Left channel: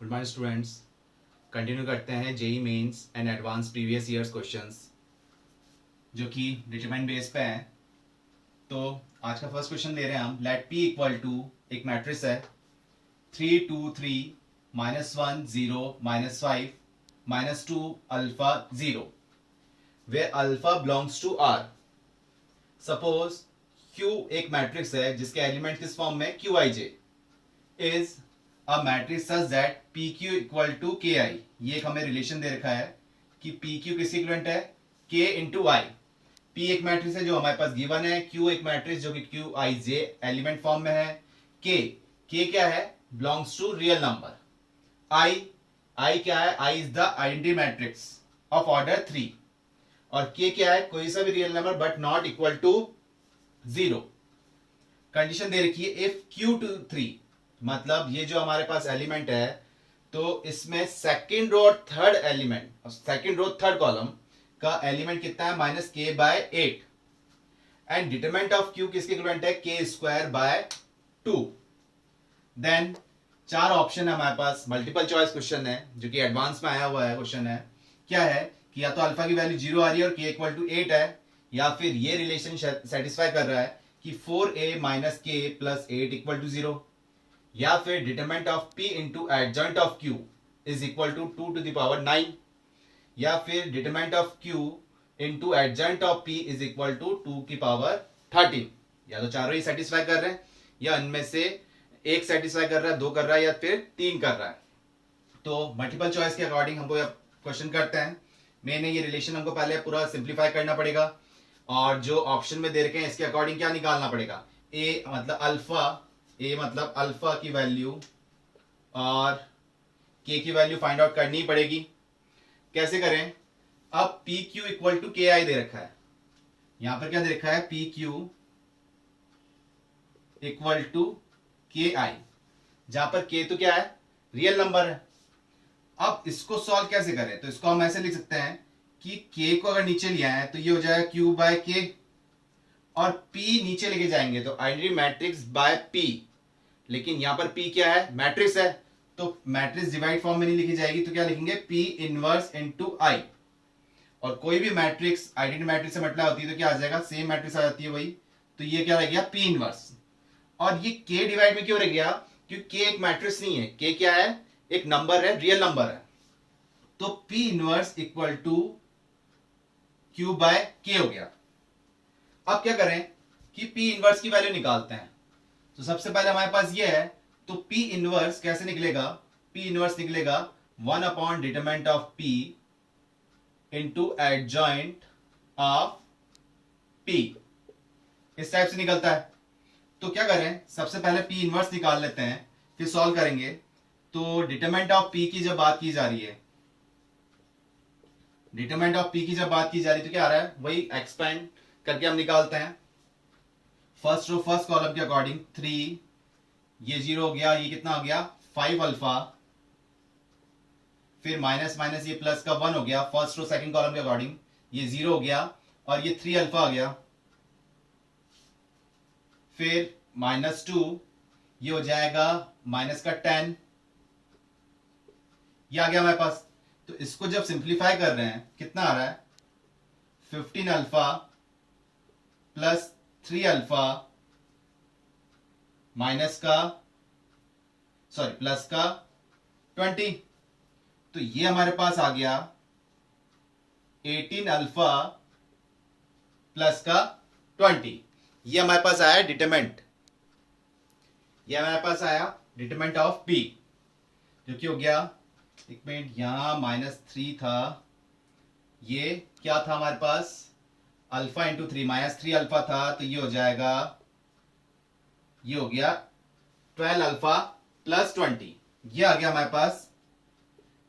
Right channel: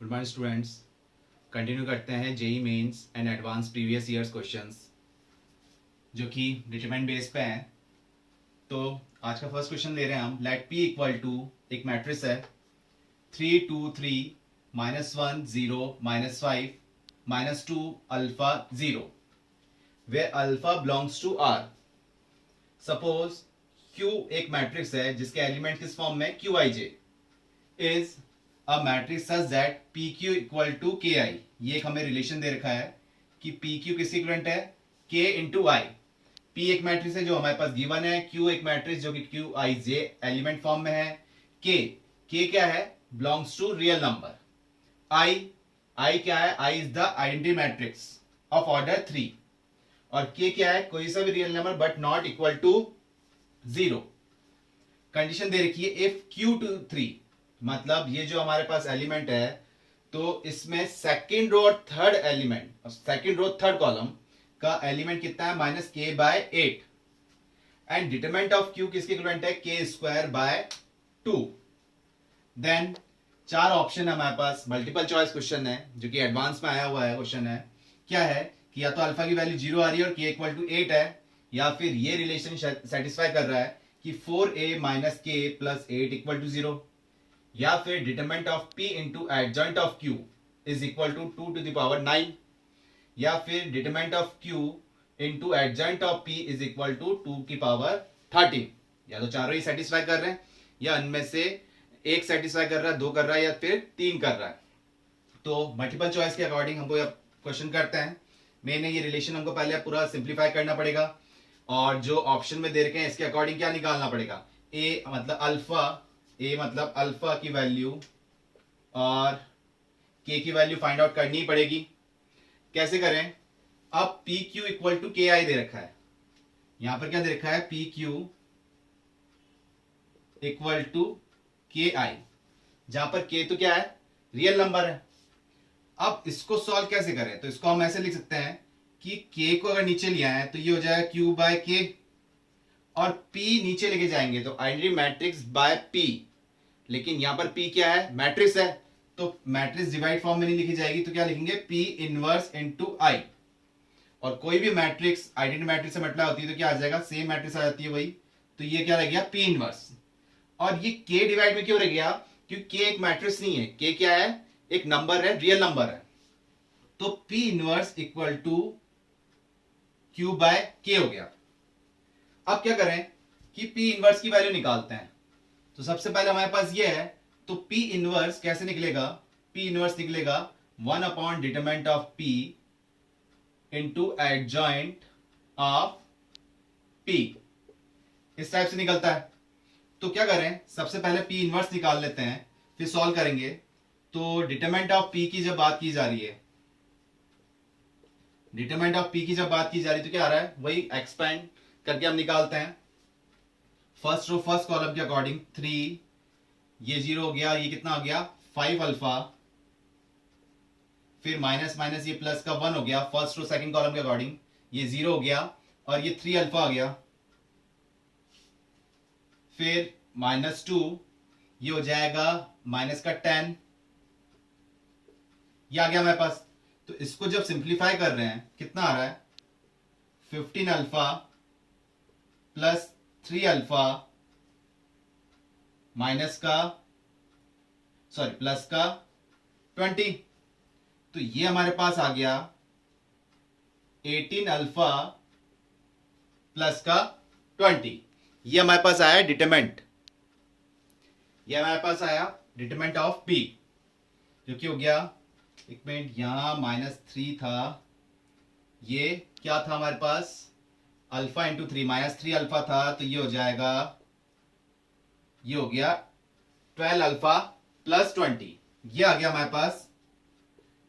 Good morning students. Continue करते हैं JEE mains and advance previous years questions जो कि डिटरमिनेंट बेस पे हैं। तो आज का फर्स्ट क्वेश्चन ले रहे हैं हम। लेट पी इक्वल टू, एक मैट्रिक्स है 3 2 3 -1 0 -5 -2 alpha 0 where alpha belongs to R. Suppose Q एक मैट्रिक्स है जिसके एलिमेंट किस फॉर्म में Q I J is a matrix such that P Q equal to K I. ये एक हमें रिलेशन दे रखा है कि पी क्यू किसके इक्विवेलेंट है, के इंटू आई। पी एक मैट्रिक्स है जो हमारे पास गिवन है, क्यू एक मैट्रिक्स जो कि Q I J element form में है, के क्या है, belongs to real number. I क्या है, I is the identity matrix of order 3 और के क्या है, कोई सा भी real number but not equal to 0। Condition दे रखी है इफ क्यू टू 3, मतलब ये जो हमारे पास एलिमेंट है तो इसमें सेकेंड रो और third element, second row third column का एलिमेंट कितना है, -k/8 and determinant of Q किसके इक्विवेलेंट है, k²/2। देन चार ऑप्शन है हमारे पास, मल्टीपल चॉइस क्वेश्चन है जो कि एडवांस में आया हुआ है। क्वेश्चन है क्या है कि या तो अल्फा की वैल्यू 0 आ रही है और k इक्वल टू 8 है, या फिर ये रिलेशन सेटिस्फाई कर रहा है कि 4a - k + 8 इक्वल टू 0, या फिर determinant of p into adjoint of q is equal to 2 to the power 9, या फिर determinant of q into adjoint of p is equal to 2 की पावर 13। या तो चारों ही सेटिस्फाई कर रहे हैं या इनमें से एक सेटिस्फाई कर रहा है, दो कर रहा है या फिर तीन कर रहा है। तो मल्टीपल चॉइस के अकॉर्डिंग हमको क्वेश्चन करते हैं। मेन ये रिलेशन हमको पहले पूरा सिंप्लीफाई करना पड़ेगा और जो ऑप्शन में दे रखे हैं इसके अकॉर्डिंग क्या निकालना पड़ेगा, ए मतलब अल्फा की वैल्यू और के की वैल्यू फाइंड आउट करनी पड़ेगी। कैसे करें, अब P Q equal to K आई दे रखा है, यहां पर क्या दे रखा है, P Q equal to K आई, जहां पर के तो क्या है, रियल नंबर है। अब इसको सॉल्व कैसे करें, तो इसको हम ऐसे लिख सकते हैं कि के को अगर नीचे लिया है तो ये हो जाएगा q/k और p नीचे लेके जाएंगे तो आइडेंटिटी मैट्रिक्स बाय p, लेकिन यहां पर p क्या है, मैट्रिक्स है, तो मैट्रिक्स डिवाइड फॉर्म में नहीं लिखी जाएगी तो क्या लिखेंगे, p इनवर्स इनटू i। और कोई भी मैट्रिक्स आइडेंटिटी मैट्रिक्स से मतलब होती है तो क्या आ जाएगा, सेम मैट्रिक्स आ जाती है वही, तो ये क्या रह गया, p इनवर्स। और ये k डिवाइड में क्यों रह गया, क्योंकि k एक मैट्रिक्स नहीं है, k क्या है, एक नंबर है, रियल नंबर है, तो p inverse equal to q/k हो गया। अब क्या करें कि p इनवर्स की वैल्यू निकालते हैं। तो सबसे पहले हमारे पास ये है, तो p इनवर्स कैसे निकलेगा, p इनवर्स निकलेगा 1 upon determinant of p into adjoint of p, इस टाइप से निकलता है। तो क्या करें, सबसे पहले p इनवर्स निकाल लेते हैं फिर सॉल्व करेंगे। तो डिटरमिनेंट ऑफ p की जब बात की जा रही है, डिटरमिनेंट ऑफ p की जब बात की जा रही है तो क्या आ रहा है, वही एक्सपेंड करके हम निकालते हैं। फर्स्ट रो फर्स्ट कॉलम के अकॉर्डिंग 3, ये 0 हो गया, ये कितना हो गया 5 अल्फा, फिर माइनस माइनस ये प्लस का 1 हो गया, फर्स्ट रो सेकंड कॉलम के अकॉर्डिंग ये 0 हो गया और ये 3 अल्फा आ गया, फिर -2 ये हो जाएगा माइनस का 10, ये आ गया हमारे पास। तो इसको जब सिंप्लीफाई कर रहे हैं कितना आ रहा है, 15 अल्फा प्लस 3 अल्फा प्लस का 20, तो ये हमारे पास आ गया 18 अल्फा प्लस का 20। ये हमारे पास आया डिटरमिनेंट, ये हमारे पास आया डिटरमिनेंट ऑफ p, जो कि हो गया, एक मिनट, यहां -3 था, ये क्या था हमारे पास, अल्फा इंटू 3, -3 अल्फा था, तो ये हो जाएगा, ये हो गया 12 अल्फा प्लस 20, ये आ गया हमारे पास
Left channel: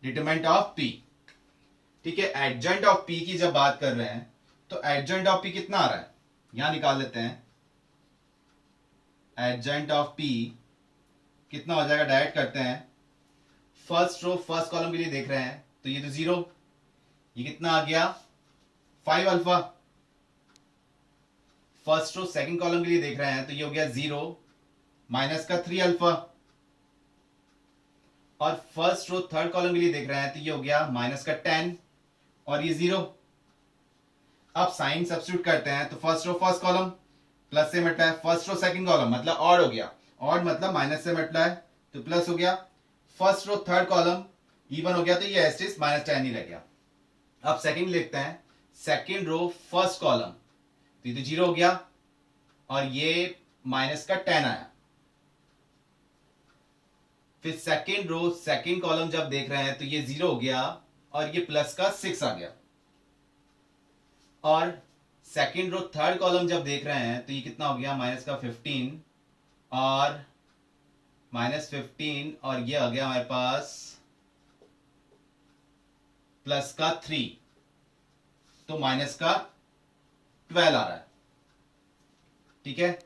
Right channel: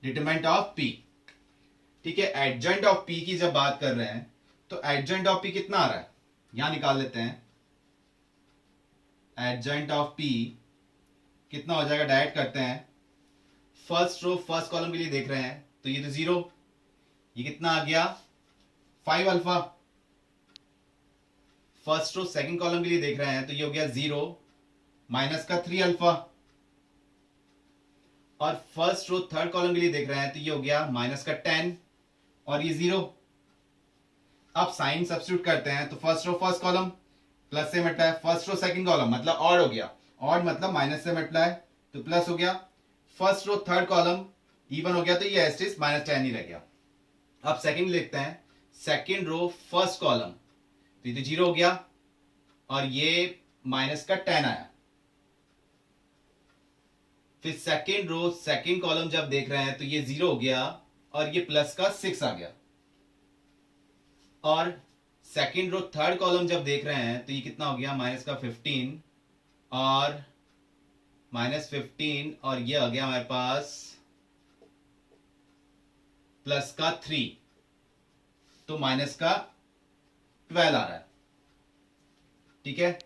डिटरमिनेंट ऑफ p। ठीक है, एडजॉइंट ऑफ p की जब बात कर रहे हैं तो एडजॉइंट ऑफ p कितना आ रहा है, यहां निकाल लेते हैं। एडजॉइंट ऑफ p कितना हो जाएगा, डायरेक्ट करते हैं। फर्स्ट रो फर्स्ट कॉलम के लिए देख रहे हैं तो ये तो 0, ये कितना आ गया 5 alpha. First row second column के लिए देख रहे हैं तो ये हो गया 0 माइनस का 3 अल्फा, और फर्स्ट रो थर्ड कॉलम के लिए देख रहे हैं तो ये हो गया माइनस का 10 और ये 0। अब साइन सब्स्टिट्यूट करते हैं तो first row first column plus से multiply, first row second column मतलब ऑड हो गया, ऑड मतलब माइनस से मल्टीप्लाई तो प्लस हो गया, first row third column even हो गया तो ये एस्टिस माइनस 10 ही रह गया। अब सेकंड लिखते हैं, सेकंड रो फर्स्ट कॉलम तो ये तो 0 हो गया और ये माइनस का 10 आया। फिर सेकंड रो सेकंड कॉलम जब देख रहे हैं तो ये 0 हो गया और ये प्लस का 6 आ गया। और सेकंड रो थर्ड कॉलम जब देख रहे हैं तो ये कितना हो गया माइनस का 15 और माइनस 15 और ये आ गया हमारे पास प्लस का 3 तो माइनस का 12 आ रहा है। ठीक है,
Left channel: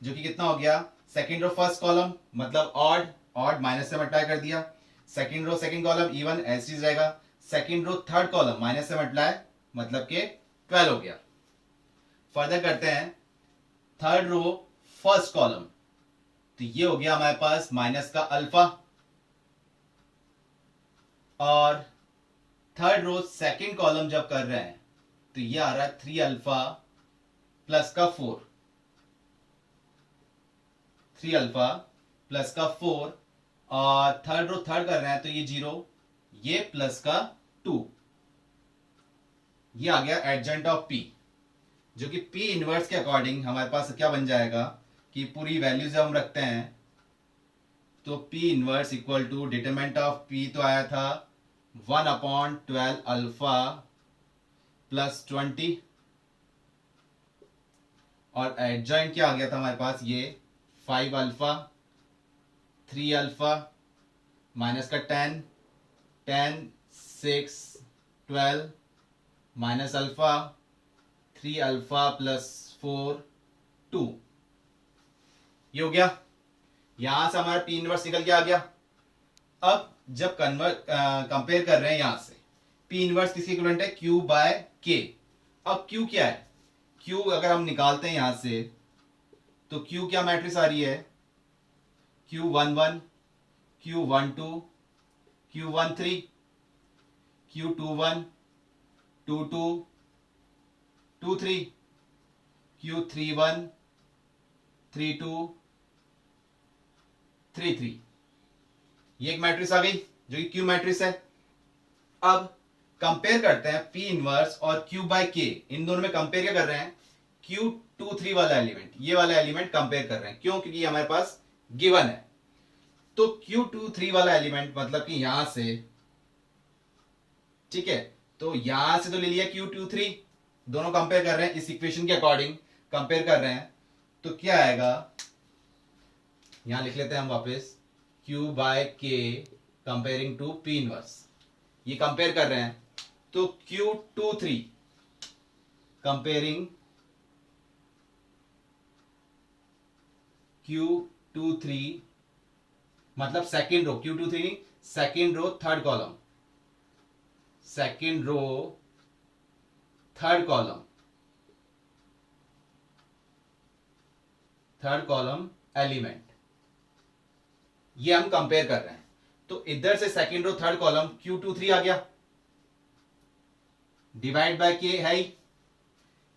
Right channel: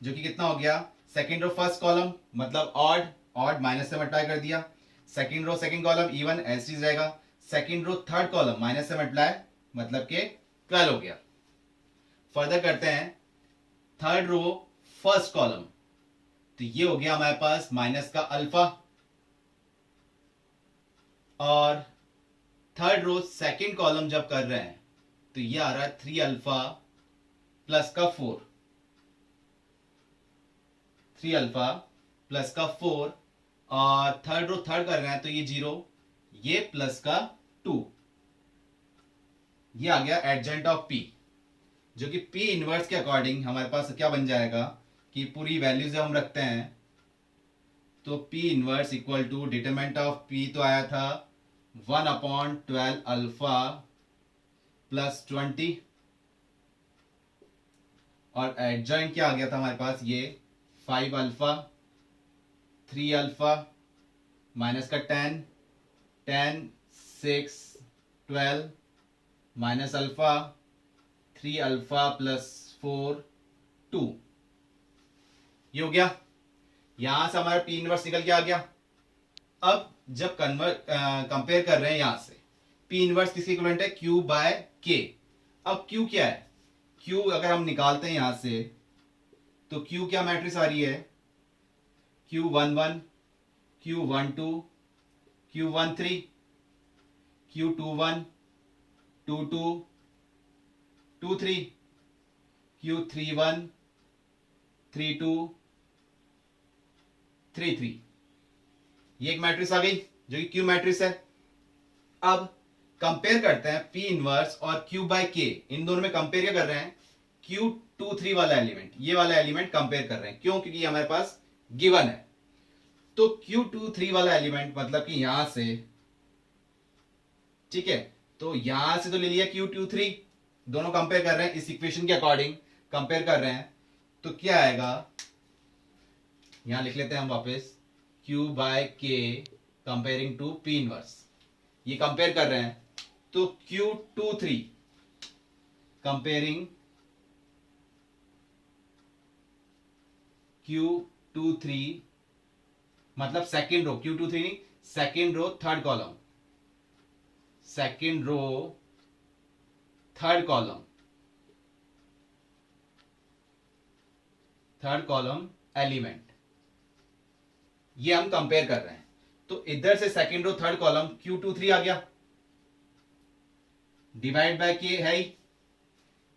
जो कि कितना हो गया, सेकंड रो फर्स्ट कॉलम मतलब ऑड, ऑड माइनस से मल्टीप्लाई कर दिया, second row second column even ऐसे ही रहेगा, second row third column minus से मल्टीप्लाई मतलब के 12 हो गया। फर्दर करते हैं, थर्ड रो फर्स्ट कॉलम तो ये हो गया हमारे पास माइनस का अल्फा और थर्ड रो सेकंड कॉलम जब कर रहे हैं तो ये आ रहा है 3 अल्फा प्लस का 4, 3 अल्फा प्लस का 4 और थर्ड रो थर्ड कर रहे हैं तो ये 0, ये प्लस का 2, ये आ गया एडजेंट ऑफ P, जो कि P इनवर्स के अकॉर्डिंग हमारे पास क्या बन जाएगा कि पूरी वैल्यू जब हम रखते हैं तो P inverse equal to determinant of P तो आया था 1/12 अल्फा प्लस 20 और एडजॉइंट क्या आ गया था हमारे पास, ये 5 अल्फा 3 अल्फा माइनस का 10 10 6 12 माइनस अल्फा 3 अल्फा प्लस 4 2, ये हो गया। यहां से हमारा P इनवर्स निकल के आ गया। अब जब कंपेयर कर रहे हैं यहां से P इनवर्स किसकी इक्विवेलेंट है, Q बाय K। अब Q क्या है, Q अगर हम निकालते हैं यहां से तो Q क्या मैट्रिक्स आ रही है, Q11 Q12 Q13 Q21 22 23 Q31 32 33, ये एक मैट्रिक्स आ गई जो कि Q मैट्रिक्स है। अब कंपेयर करते हैं P इनवर्स और Q बाय K, इन दोनों में कंपेयर क्या कर रहे हैं, Q23 वाला एलिमेंट, ये वाला एलिमेंट कंपेयर कर रहे हैं, क्यों, क्योंकि हमारे पास गिवन है। तो Q23 वाला एलिमेंट मतलब कि यहां से, ठीक है, तो यहां से तो ले लिया Q23, दोनों कंपेयर कर रहे हैं इस इक्वेशन के अकॉर्डिंग कंपेयर कर रहे हैं, तो क्या आएगा, यहां लिख लेते हैं हम वापस Q by K comparing to P inverse, ये कंपेयर कर रहे हैं तो Q23 कंपेयरिंग Q23 मतलब सेकेंड रो, Q23 नहीं, second row third column, second row third column, third column element, ये हम कंपेयर कर रहे हैं। तो इधर से second row third column Q23 आ गया, डिवाइड बाय K है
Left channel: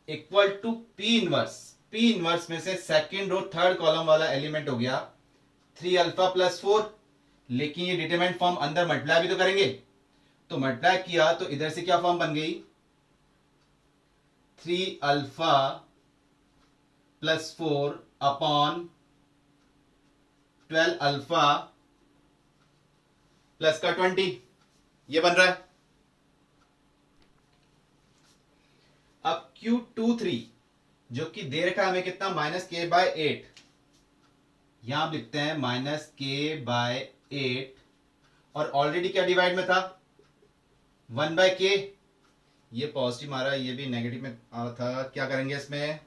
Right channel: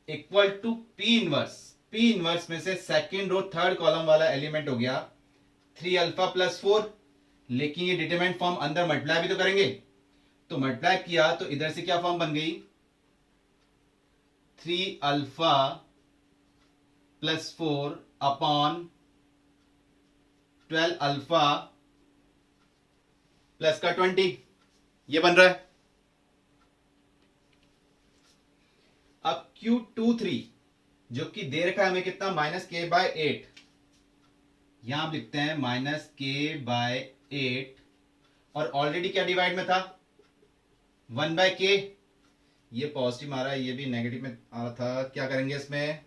equal to P inverse, P inverse में से सेकेंड रो थर्ड कॉलम वाला एलिमेंट हो गया 3 अल्फा प्लस 4, लेकिन ये डिटरमिनेंट फॉर्म अंदर मल्टीप्लाई भी तो करेंगे, तो मल्टीप्लाई किया तो इधर से क्या फॉर्म बन गई, 3 alpha plus 4 upon 12 alpha plus का 20, ये बन रहा है। अब Q23 जो कि दे रखा है हमें कितना, माइनस के बाय 8, यहां आप लिखते हैं माइनस के बाय 8 और ऑलरेडी क्या डिवाइड में था 1 बाय के, ये पॉजिटिव आ रहा है, ये भी नेगेटिव में आ रहा था, क्या करेंगे इसमें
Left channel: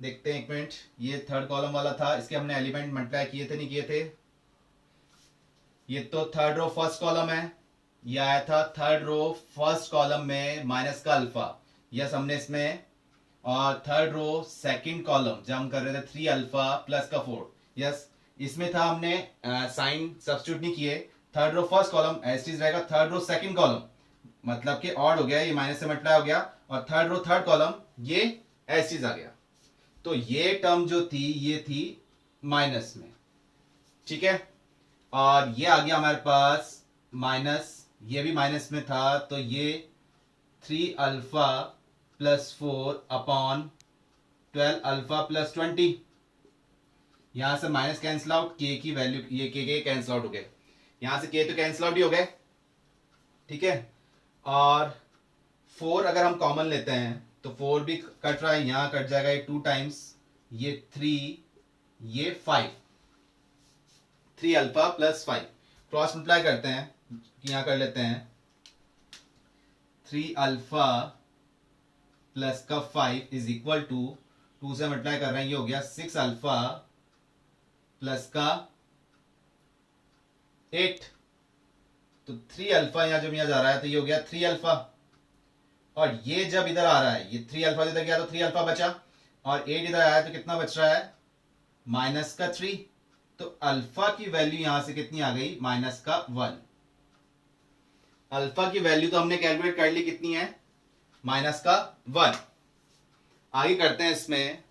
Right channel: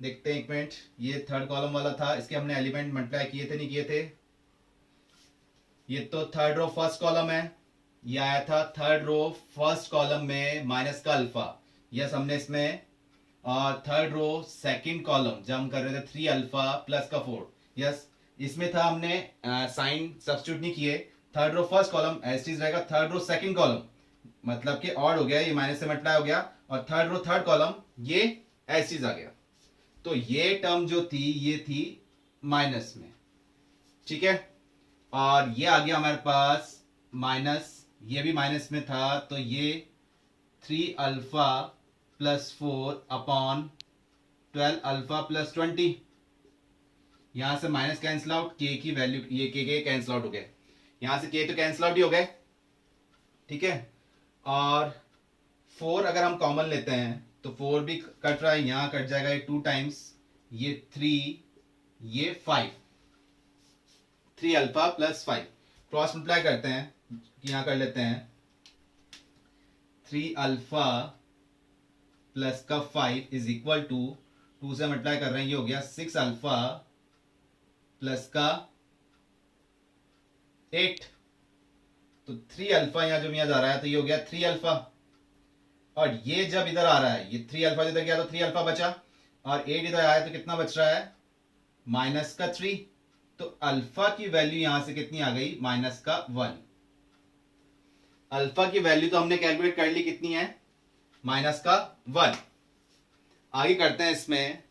देखते हैं एक मिनट, ये थर्ड कॉलम वाला था, इसके हमने एलिमेंट मल्टीप्लाई किए थे नहीं किए थे, ये तो थर्ड रो फर्स्ट कॉलम है, ये आया था थर्ड रो फर्स्ट कॉलम में माइनस का अल्फा, यस हमने इसमें, और थर्ड रो सेकंड कॉलम जब हम कर रहे थे 3 अल्फा प्लस का 4, यस इसमें था हमने साइन सब्स्टिट्यूट नहीं किए third row first column as it is रहेगा, थर्ड रो सेकंड कॉलम मतलब कि ऑड हो गया, ये माइनस से मल्टीप्लाई हो गया, और थर्ड रो थर्ड कॉलम ये एज इट इज आ गया। तो ये टर्म जो थी ये थी माइनस में, ठीक है, और ये आ गया हमारे पास माइनस, ये भी माइनस में था, तो ये 3 alpha plus 4 upon 12 alpha plus 20, यहां से माइनस कैंसिल आउट, के की वैल्यू ये के कैंसिल आउट हो गए, यहां से के तो कैंसिल आउट ही हो गए, ठीक है, और 4 अगर हम कॉमन लेते हैं तो 4 भी कट रहा है, यहां कट जाएगा ये 2 टाइम्स, ये 3 ये 5, 3 अल्फा प्लस 5, क्रॉस मल्टीप्लाई करते हैं, यहां कर लेते हैं 3 अल्फा प्लस का 5 इज इक्वल टू 2 से मल्टीप्लाई कर रहे हैं, ये हो गया 6 अल्फा प्लस का 8, तो 3 अल्फा यहां जो यहां जा रहा है तो ये हो गया 3 अल्फा, और ये जब इधर आ रहा है, ये 3 अल्फा इधर गया तो 3 अल्फा बचा, और 8 इधर आया तो कितना बच रहा है, माइनस का 3, तो अल्फा की वैल्यू यहां से कितनी आ गई, माइनस का 1। अल्फा की वैल्यू तो हमने कैलकुलेट कर ली, कितनी है, माइनस का 1। आगे करते हैं इसमें,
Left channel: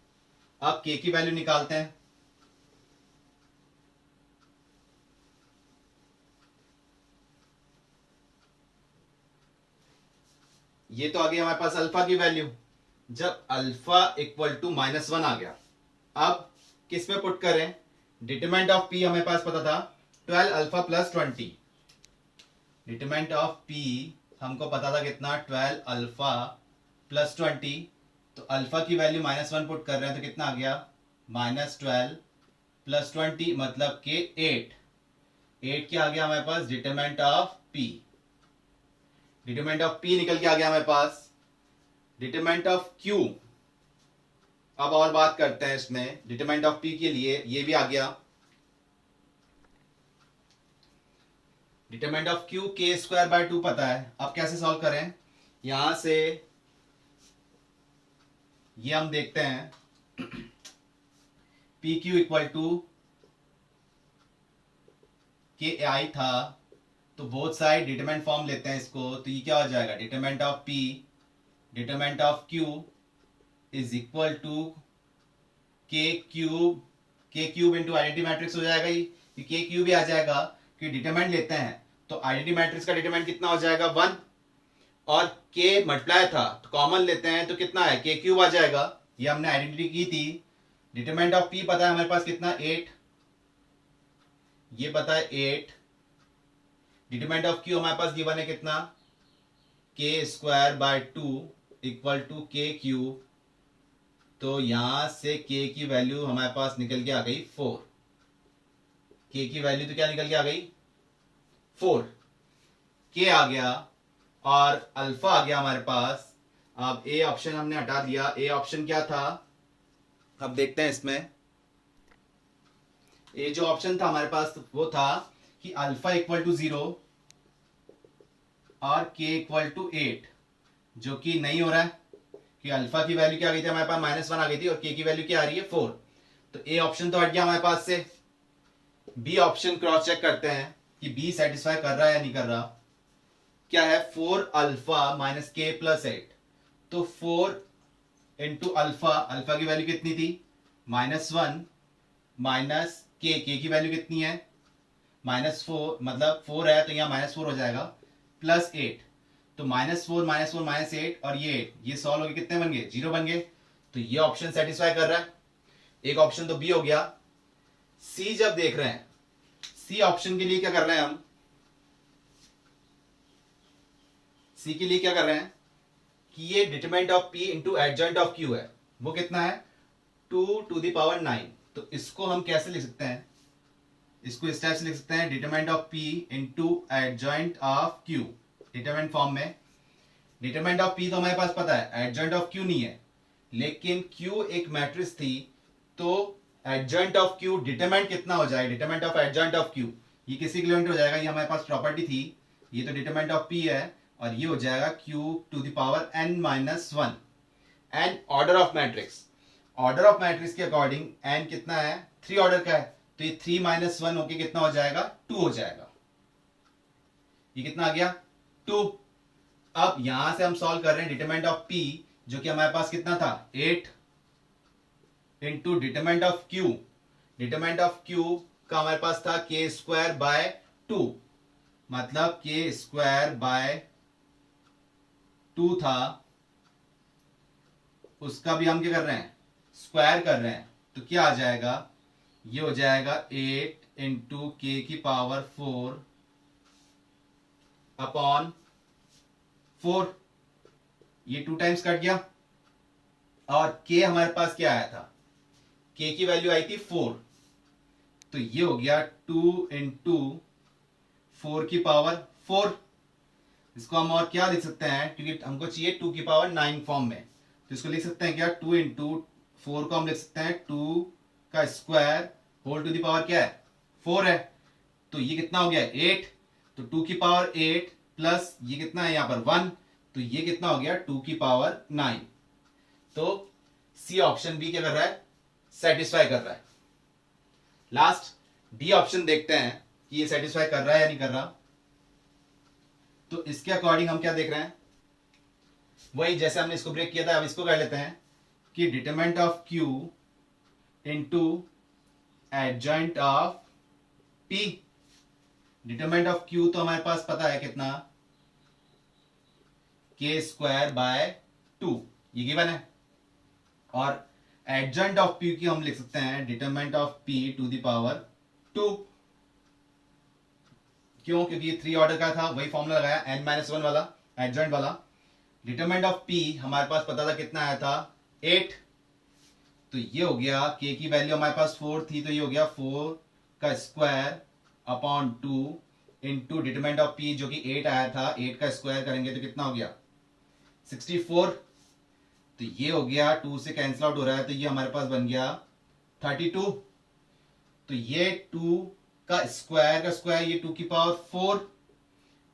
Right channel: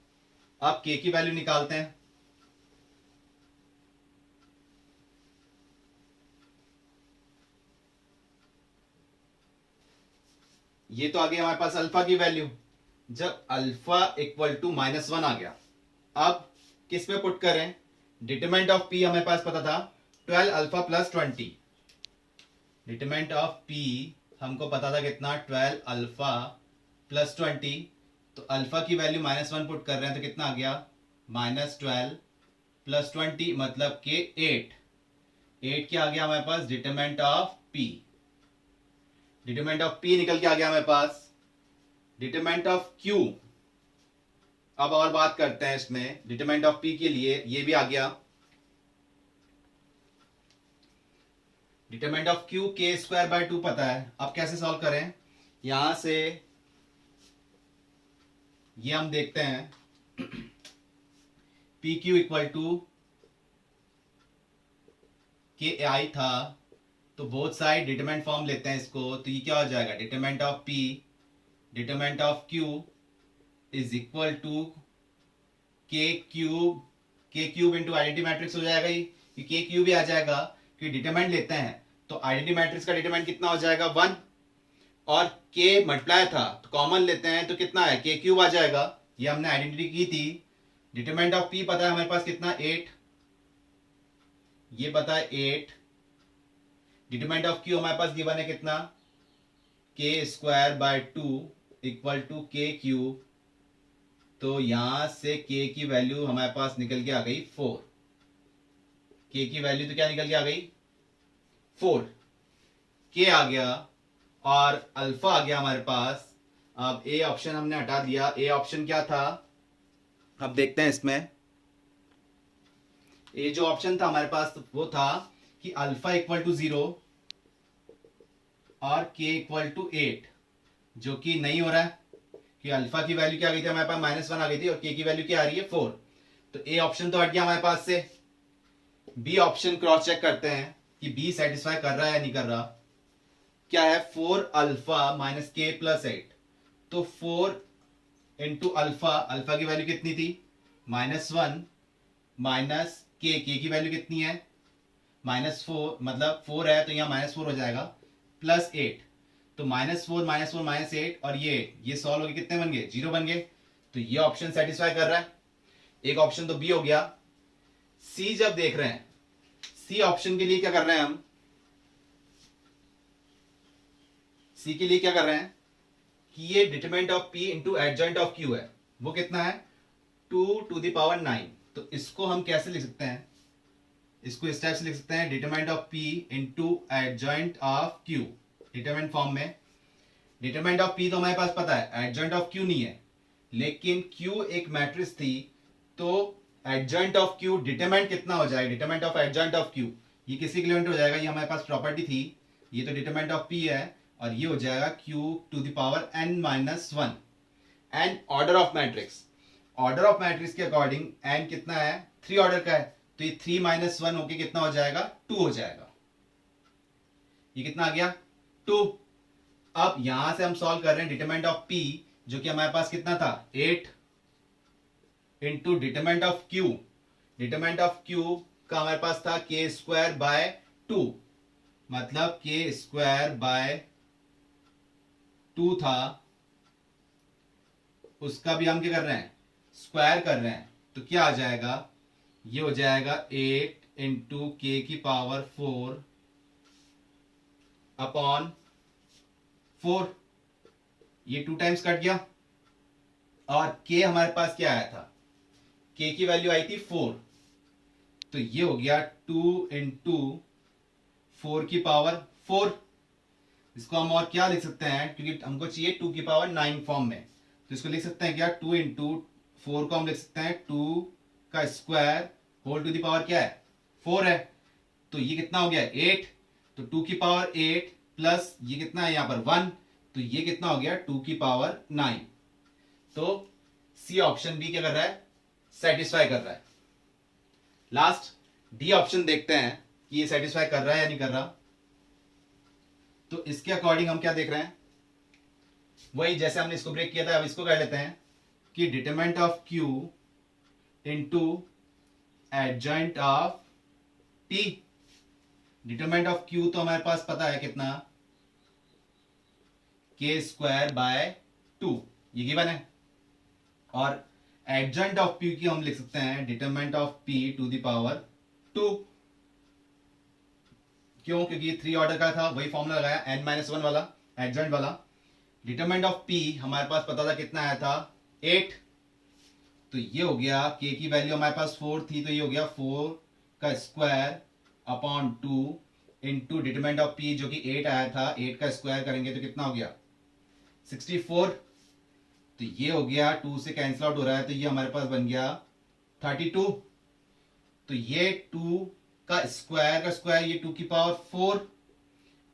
अब के की वैल्यू निकालते हैं, ये तो आ गया हमारे पास अल्फा की वैल्यू, जब अल्फा इक्वल टू -1 आ गया, अब किस में पुट करें, डिटरमिनेंट ऑफ पी हमें पास पता था 12 alpha plus 20, determinant of P हमको पता था कितना, 12 अल्फा प्लस 20, तो अल्फा की वैल्यू -1 पुट कर रहे हैं तो कितना आ गया, -12 प्लस 20 मतलब के 8 क्या आ गया हमारे पास, determinant of P, determinant of P निकल के आ गया हमारे पास, डिटरमिनेंट ऑफ क्यू, अब और बात करते हैं इसमें, डिटरमिनेंट ऑफ पी के लिए ये भी आ गया, डिटरमिनेंट ऑफ क्यू के स्क्वायर बाय 2 पता है, अब कैसे सॉल्व करें, यहां से ये हम देखते हैं P Q equal to K आई था, तो बोथ साइड डिटरमिनेंट फॉर्म लेते हैं इसको, तो ये क्या हो जाएगा, determinant of P determinant of Q is equal to K cube into identity matrix हो जाएगा, ये के क्यूब भी आ जाएगा, कि डिटरमिनेंट लेते हैं तो आइडेंटिटी मैट्रिक्स का डिटरमिनेंट कितना हो जाएगा 1, और के मल्टीप्लाई था तो कॉमन लेते हैं तो कितना है, के क्यूब आ जाएगा, ये हमने आइडेंटिटी की थी, डिटरमिनेंट ऑफ पी पता है हमारे पास कितना 8, ये पता है 8, डिटरमिनेंट ऑफ क्यू हमारे पास गिवन है कितना, के square by 2 equal to K cube, तो यहां से के की वैल्यू हमारे पास निकल के आ गई 4, के की वैल्यू तो क्या निकल के आ गई 4, के आ गया और अल्फा आ गया हमारे पास। अब ए ऑप्शन हमने हटा दिया, ए ऑप्शन क्या था, अब देखते हैं इसमें, ए जो ऑप्शन था हमारे पास वो था कि अल्फा इक्वल टू 0 और के इक्वल टू 8, जो कि नहीं हो रहा है, कि अल्फा की वैल्यू क्या आ गई थी हमारे पास -1 आ गई थी, और के की वैल्यू क्या आ रही है 4, तो ए ऑप्शन तो हट गया हमारे पास से। बी ऑप्शन क्रॉस चेक करते हैं कि बी सेटिस्फाई कर रहा है या नहीं कर रहा, क्या है 4 अल्फा माइनस के प्लस 8, तो 4 इंटू अल्फा, अल्फा की वैल्यू कितनी थी -1 माइनस के की वैल्यू कितनी है -4, मतलब 4 है तो यहाँ -4 हो जाएगा, प्लस 8, तो -4 -4 -8 और ये सॉल्व हो गए, कितने बन गए 0 बन गए, तो ये ऑप्शन सेटिस्फाई कर रहा है, एक ऑप्शन तो बी हो गया। सी जब देख रहे हैं, सी ऑप्शन के लिए क्या कर रहे हैं हम, सी के लिए क्या कर रहे हैं कि ये determinant of P into adjoint of Q है, वो कितना है 2 to the power 9, तो इसको हम कैसे लिख सकते हैं, इसको इस टाइप से लिख सकते हैं, determinant of P into adjoint of Q, determinant form में। डिटरमिनेंट ऑफ पी तो हमारे पास पता है, एडजॉइंट ऑफ क्यू नहीं है, लेकिन क्यू एक मैट्रिक्स थी, तो एडजॉइंट ऑफ क्यू डिटरमिनेंट कितना हो जाएगा, determinant of adjoint of Q ये किसी किलोमीटर हो जाएगा, ये हमारे पास प्रॉपर्टी थी, ये तो डिटरमिनेंट ऑफ पी है, और ये हो जाएगा Q to the power n-1, N order of matrix, order of matrix के अकॉर्डिंग एन कितना है 3 ऑर्डर का है, तो ये 3 - 1 होके कितना हो जाएगा 2 हो जाएगा, ये कितना आ गया 2। अब यहां से हम सॉल्व कर रहे हैं डिटरमिनेंट ऑफ P, जो कि हमारे पास कितना था 8 into determinant of Q। Determinant of Q का हमारे पास था k स्क्वायर बाय 2, मतलब k स्क्वायर बाय 2 था, उसका भी हम क्या कर रहे हैं स्क्वायर कर रहे हैं। तो क्या आ जाएगा, ये हो जाएगा 8 इंटू के की पावर 4 अपॉन 4। ये 2 टाइम्स कट गया और k हमारे पास क्या आया था, k की वैल्यू आई थी 4, तो ये हो गया 2 इंटू 4 की पावर 4। इसको हम और क्या लिख सकते हैं, क्योंकि हमको चाहिए 2 की पावर 9 फॉर्म में, तो इसको लिख सकते हैं क्या 2 इंटू 4 को हम लिख सकते हैं 2 का square whole to the power क्या है 4 है। तो ये कितना हो गया 8, तो 2 की पावर 8 प्लस ये कितना है यहाँ पर 1, तो ये कितना हो गया 2 की पावर 9। तो सी ऑप्शन बी क्या कर रहा है सेटिस्फाई कर रहा है। लास्ट डी ऑप्शन देखते हैं कि ये सेटिस्फाई कर रहा है या नहीं कर रहा। तो इसके अकॉर्डिंग हम क्या देख रहे हैं, वही जैसे हमने इसको ब्रेक किया था, अब इसको कर लेते हैं कि determinant of Q into adjoint of P। Determinant of Q तो हमारे पास पता है कितना k स्क्वायर बाय 2, ये गिवन है, और एडजॉइंट ऑफ P की हम लिख सकते हैं determinant of P to the power 2। क्यों, क्योंकि ये 3 ऑर्डर का था, वही फॉर्मूला लगाया n-1 वाला एडजॉइंट वाला। डिटरमिनेंट ऑफ P हमारे पास पता था कितना आया था 8, तो ये हो गया k की वैल्यू हमारे पास 4 थी, तो ये हो गया 4 का square upon 2 into determinant of P जो कि 8 आया था, 8 का स्क्वायर करेंगे तो कितना हो गया 64। तो ये हो गया 2 से कैंसिल आउट हो रहा है, तो ये हमारे पास बन गया 32। तो ये 2 का स्क्वायर ये 2 की पावर 4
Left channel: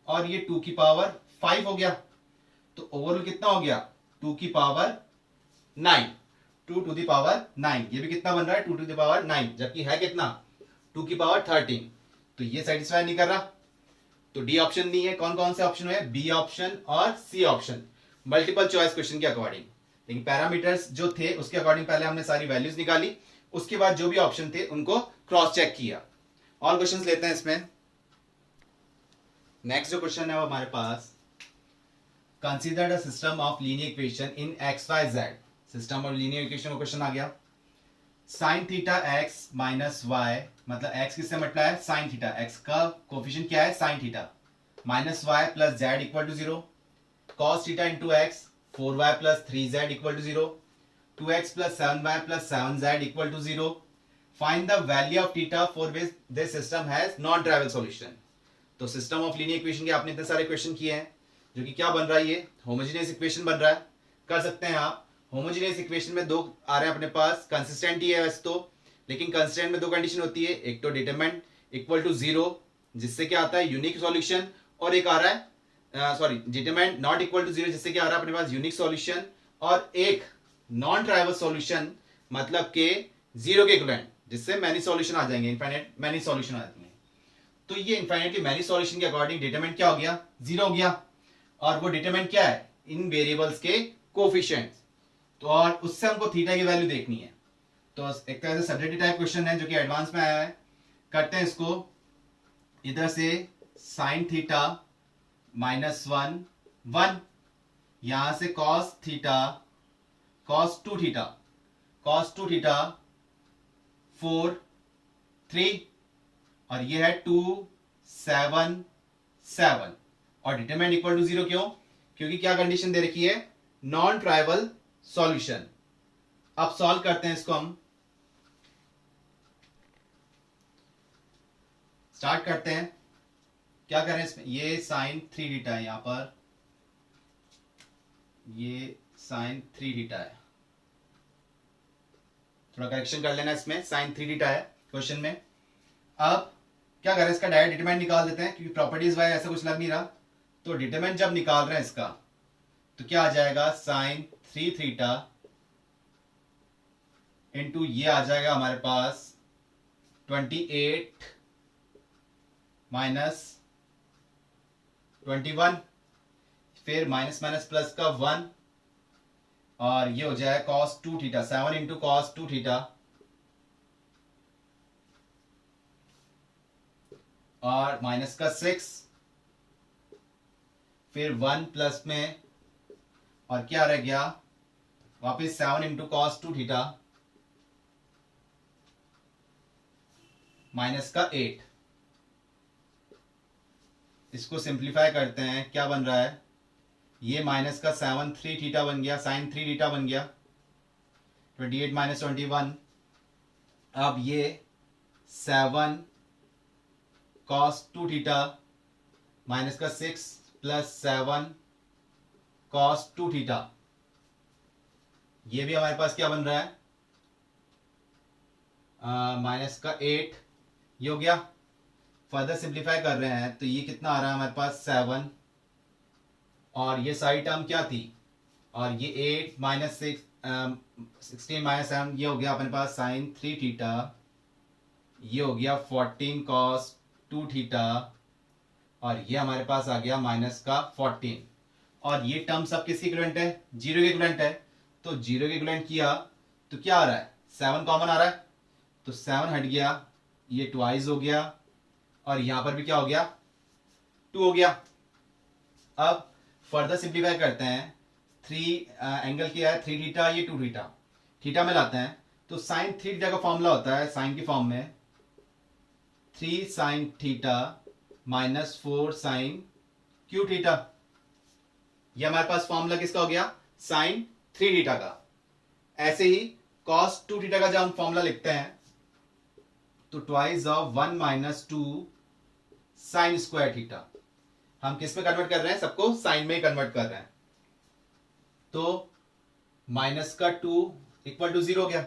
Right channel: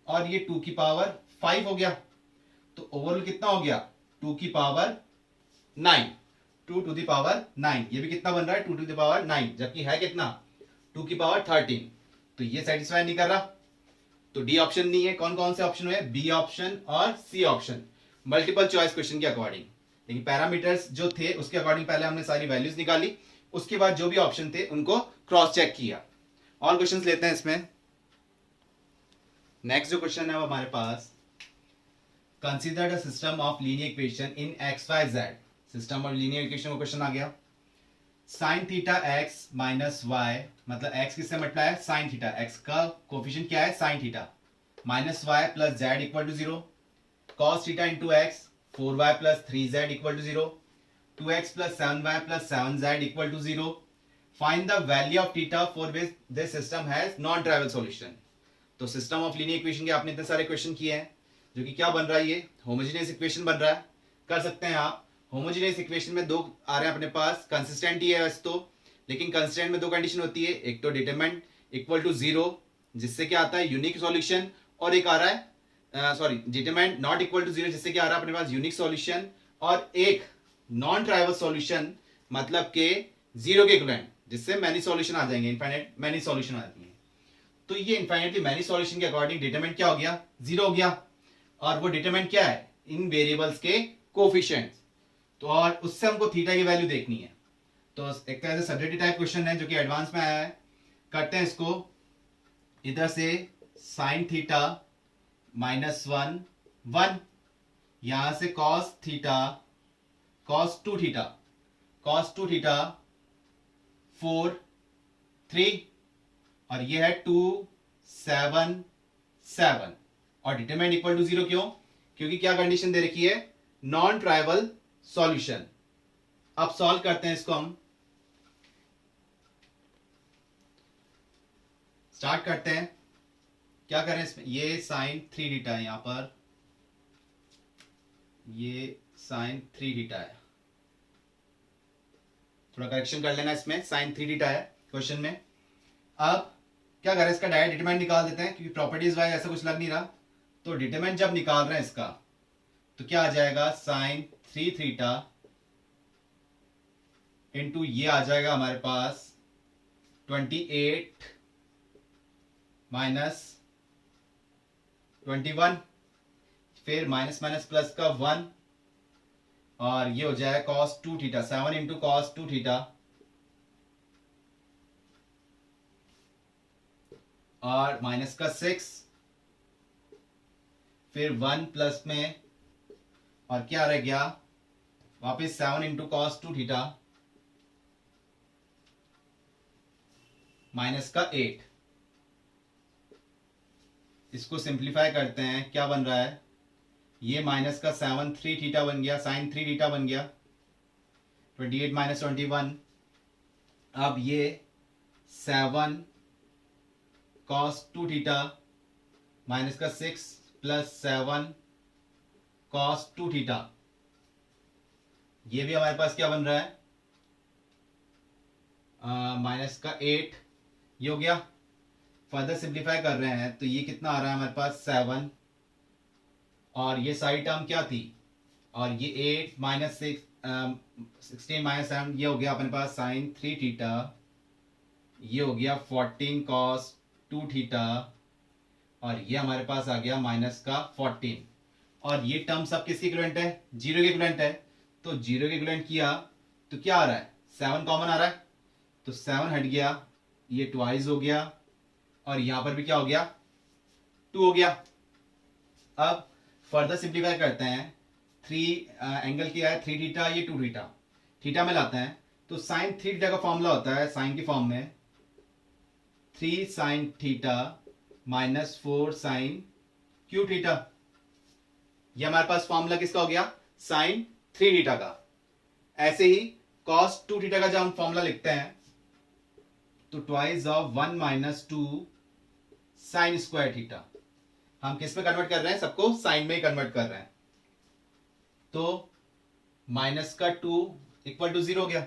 और ये 2 की पावर 5 हो गया, तो ओवरऑल कितना हो गया 2 की पावर 9, 2 टू द पावर 9। ये भी कितना बन रहा है 2 टू द पावर 9, जबकि है कितना 2 की पावर 13। तो ये सेटिस्फाई नहीं कर रहा, तो डी ऑप्शन नहीं है। कौन कौन से ऑप्शन हुए, बी ऑप्शन और C option, multiple choice question के अकॉर्डिंग। लेकिन पैरामीटर्स जो थे उसके अकॉर्डिंग पहले हमने सारी वैल्यूज निकाली, उसके बाद जो भी ऑप्शन थे उनको क्रॉस चेक किया। और क्वेश्चंस लेते हैं इसमें। नेक्स्ट जो क्वेश्चन है वो हमारे पास, consider the system of linear equation in x y z. System of linear equation का क्वेश्चन आ गया। Sine theta x minus y, मतलब एक्स किससे मल्टीप्लाई है साइन थीटा, एक्स का कोफिशिएंट क्या है sine theta, minus y plus z equal to 0, cos theta into x 4y plus 3z equal to 0, 2x plus 7y plus 7z equal to 0, find the value of theta for which this system has non trivial solution. तो system of linear equation के आपने इतने सारे question किए हैं, जो कि क्या बन रहा है, ये होमोजेनियस इक्वेशन बन रहा है। कर सकते हैं आप, होमोजेनियस इक्वेशन में दो आ रहे हैं अपने पास, कंसिस्टेंट ही है वैसे तो, लेकिन कंसिस्टेंट में दो कंडीशन होती है, एक तो डिटरमिनेंट इक्वल टू 0 जिससे क्या आता है यूनिक सॉल्यूशन, और एक आ रहा है sorry determinant not equal to 0 जिससे क्या आ रहा है अपने पास यूनिक सॉल्यूशन, और एक नॉन ट्राइवल सॉल्यूशन मतलब के 0 के इक्विवेलेंट जिससे मैनी सॉल्यूशन आ जाएंगे, इनफाइनाइट मैनी सॉल्यूशन आती है। तो ये इनफाइनाइटली मैनी सॉल्यूशन के अकॉर्डिंग डिटरमिनेंट क्या हो गया 0 हो गया, और वो डिटरमिनेंट क्या है इन वेरिएबल्स के कोफिशिएंट्स। तो और उससे हमको थीटा की वैल्यू देखनी है। तो एक तरह से सब्जेक्टिव टाइप क्वेश्चन है जो कि एडवांस में आया है। करते हैं इसको, इधर से साइन थीटा माइनस 1 1, यहां से कॉस थीटा कॉस 2 थीटा 4 3, और ये है 2 7 7, और डिटरमिनेंट इक्वल टू 0 क्यों, क्योंकि क्या कंडीशन दे रखी है नॉन ट्राइवल सॉल्यूशन। अब सॉल्व करते हैं इसको, हम स्टार्ट करते हैं। क्या करें इसमें, ये साइन 3 थीटा है, यहां पर ये साइन 3 थीटा है, थोड़ा करेक्शन कर लेना इसमें, साइन 3 थीटा है क्वेश्चन में। अब क्या करें, इसका डायरेक्ट डिटरमिनेंट निकाल देते हैं, क्योंकि प्रॉपर्टीज वाइज ऐसा कुछ लग नहीं रहा। तो डिटरमिनेंट जब निकाल रहे हैं इसका, तो क्या आ जाएगा साइन 3 थीटा इंटू ये आ जाएगा हमारे पास 28 माइनस 21, फिर माइनस माइनस प्लस का 1, और ये हो जाए cos 2 theta, 7 into cos 2 theta, और माइनस का 6, फिर 1 प्लस में, और क्या रह गया वापस 7 इंटू कॉस 2 थीटा, माइनस का 8। इसको सिंप्लीफाई करते हैं, क्या बन रहा है, ये माइनस का 7 3 थीटा बन गया, साइन 3 थीटा बन गया, 28 माइनस 21। अब ये 7 कॉस 2 थीटा माइनस का 6 प्लस 7 कॉस 2 थीटा, ये भी हमारे पास क्या बन रहा है, माइनस का 8, ये हो गया। फर्दर सिंप्लीफाई कर रहे हैं तो ये कितना आ रहा है हमारे पास 7, और ये सारी टर्म क्या थी, और ये 8 माइनस 16 माइनस 7, ये हो गया अपने पास साइन 3 थीटा, ये हो गया 14 कॉस 2 थीटा, और ये हमारे पास आ गया माइनस का 14। और ये टर्म सब किसके इक्विवेलेंट है, जीरो के इक्विवेलेंट है। तो जीरो के इक्विवेलेंट किया तो क्या आ रहा है, 7 कॉमन आ रहा है, तो 7 हट गया, ये ट्वाइस हो गया, और यहां पर भी क्या हो गया, 2 हो गया। अब फर्दर सिंप्लीफाई करते हैं, 3 एंगल क्या है 3 थीटा, ये 2 थीटा, थीटा में लाते हैं तो साइन 3 थीटा का फॉर्मूला होता है साइन की फॉर्म में 3 sine theta minus 4 sine cube theta. ये हमारे पास फॉर्मूला किसका हो गया, साइन 3 थीटा का। ऐसे ही कॉस 2 थीटा का जब हम फॉर्मूला लिखते हैं तो twice of 1 minus 2 sine square theta. हम किस में कन्वर्ट कर रहे हैं, सबको साइन में ही कन्वर्ट कर रहे हैं। तो माइनस का 2 इक्वल टू 0 हो गया।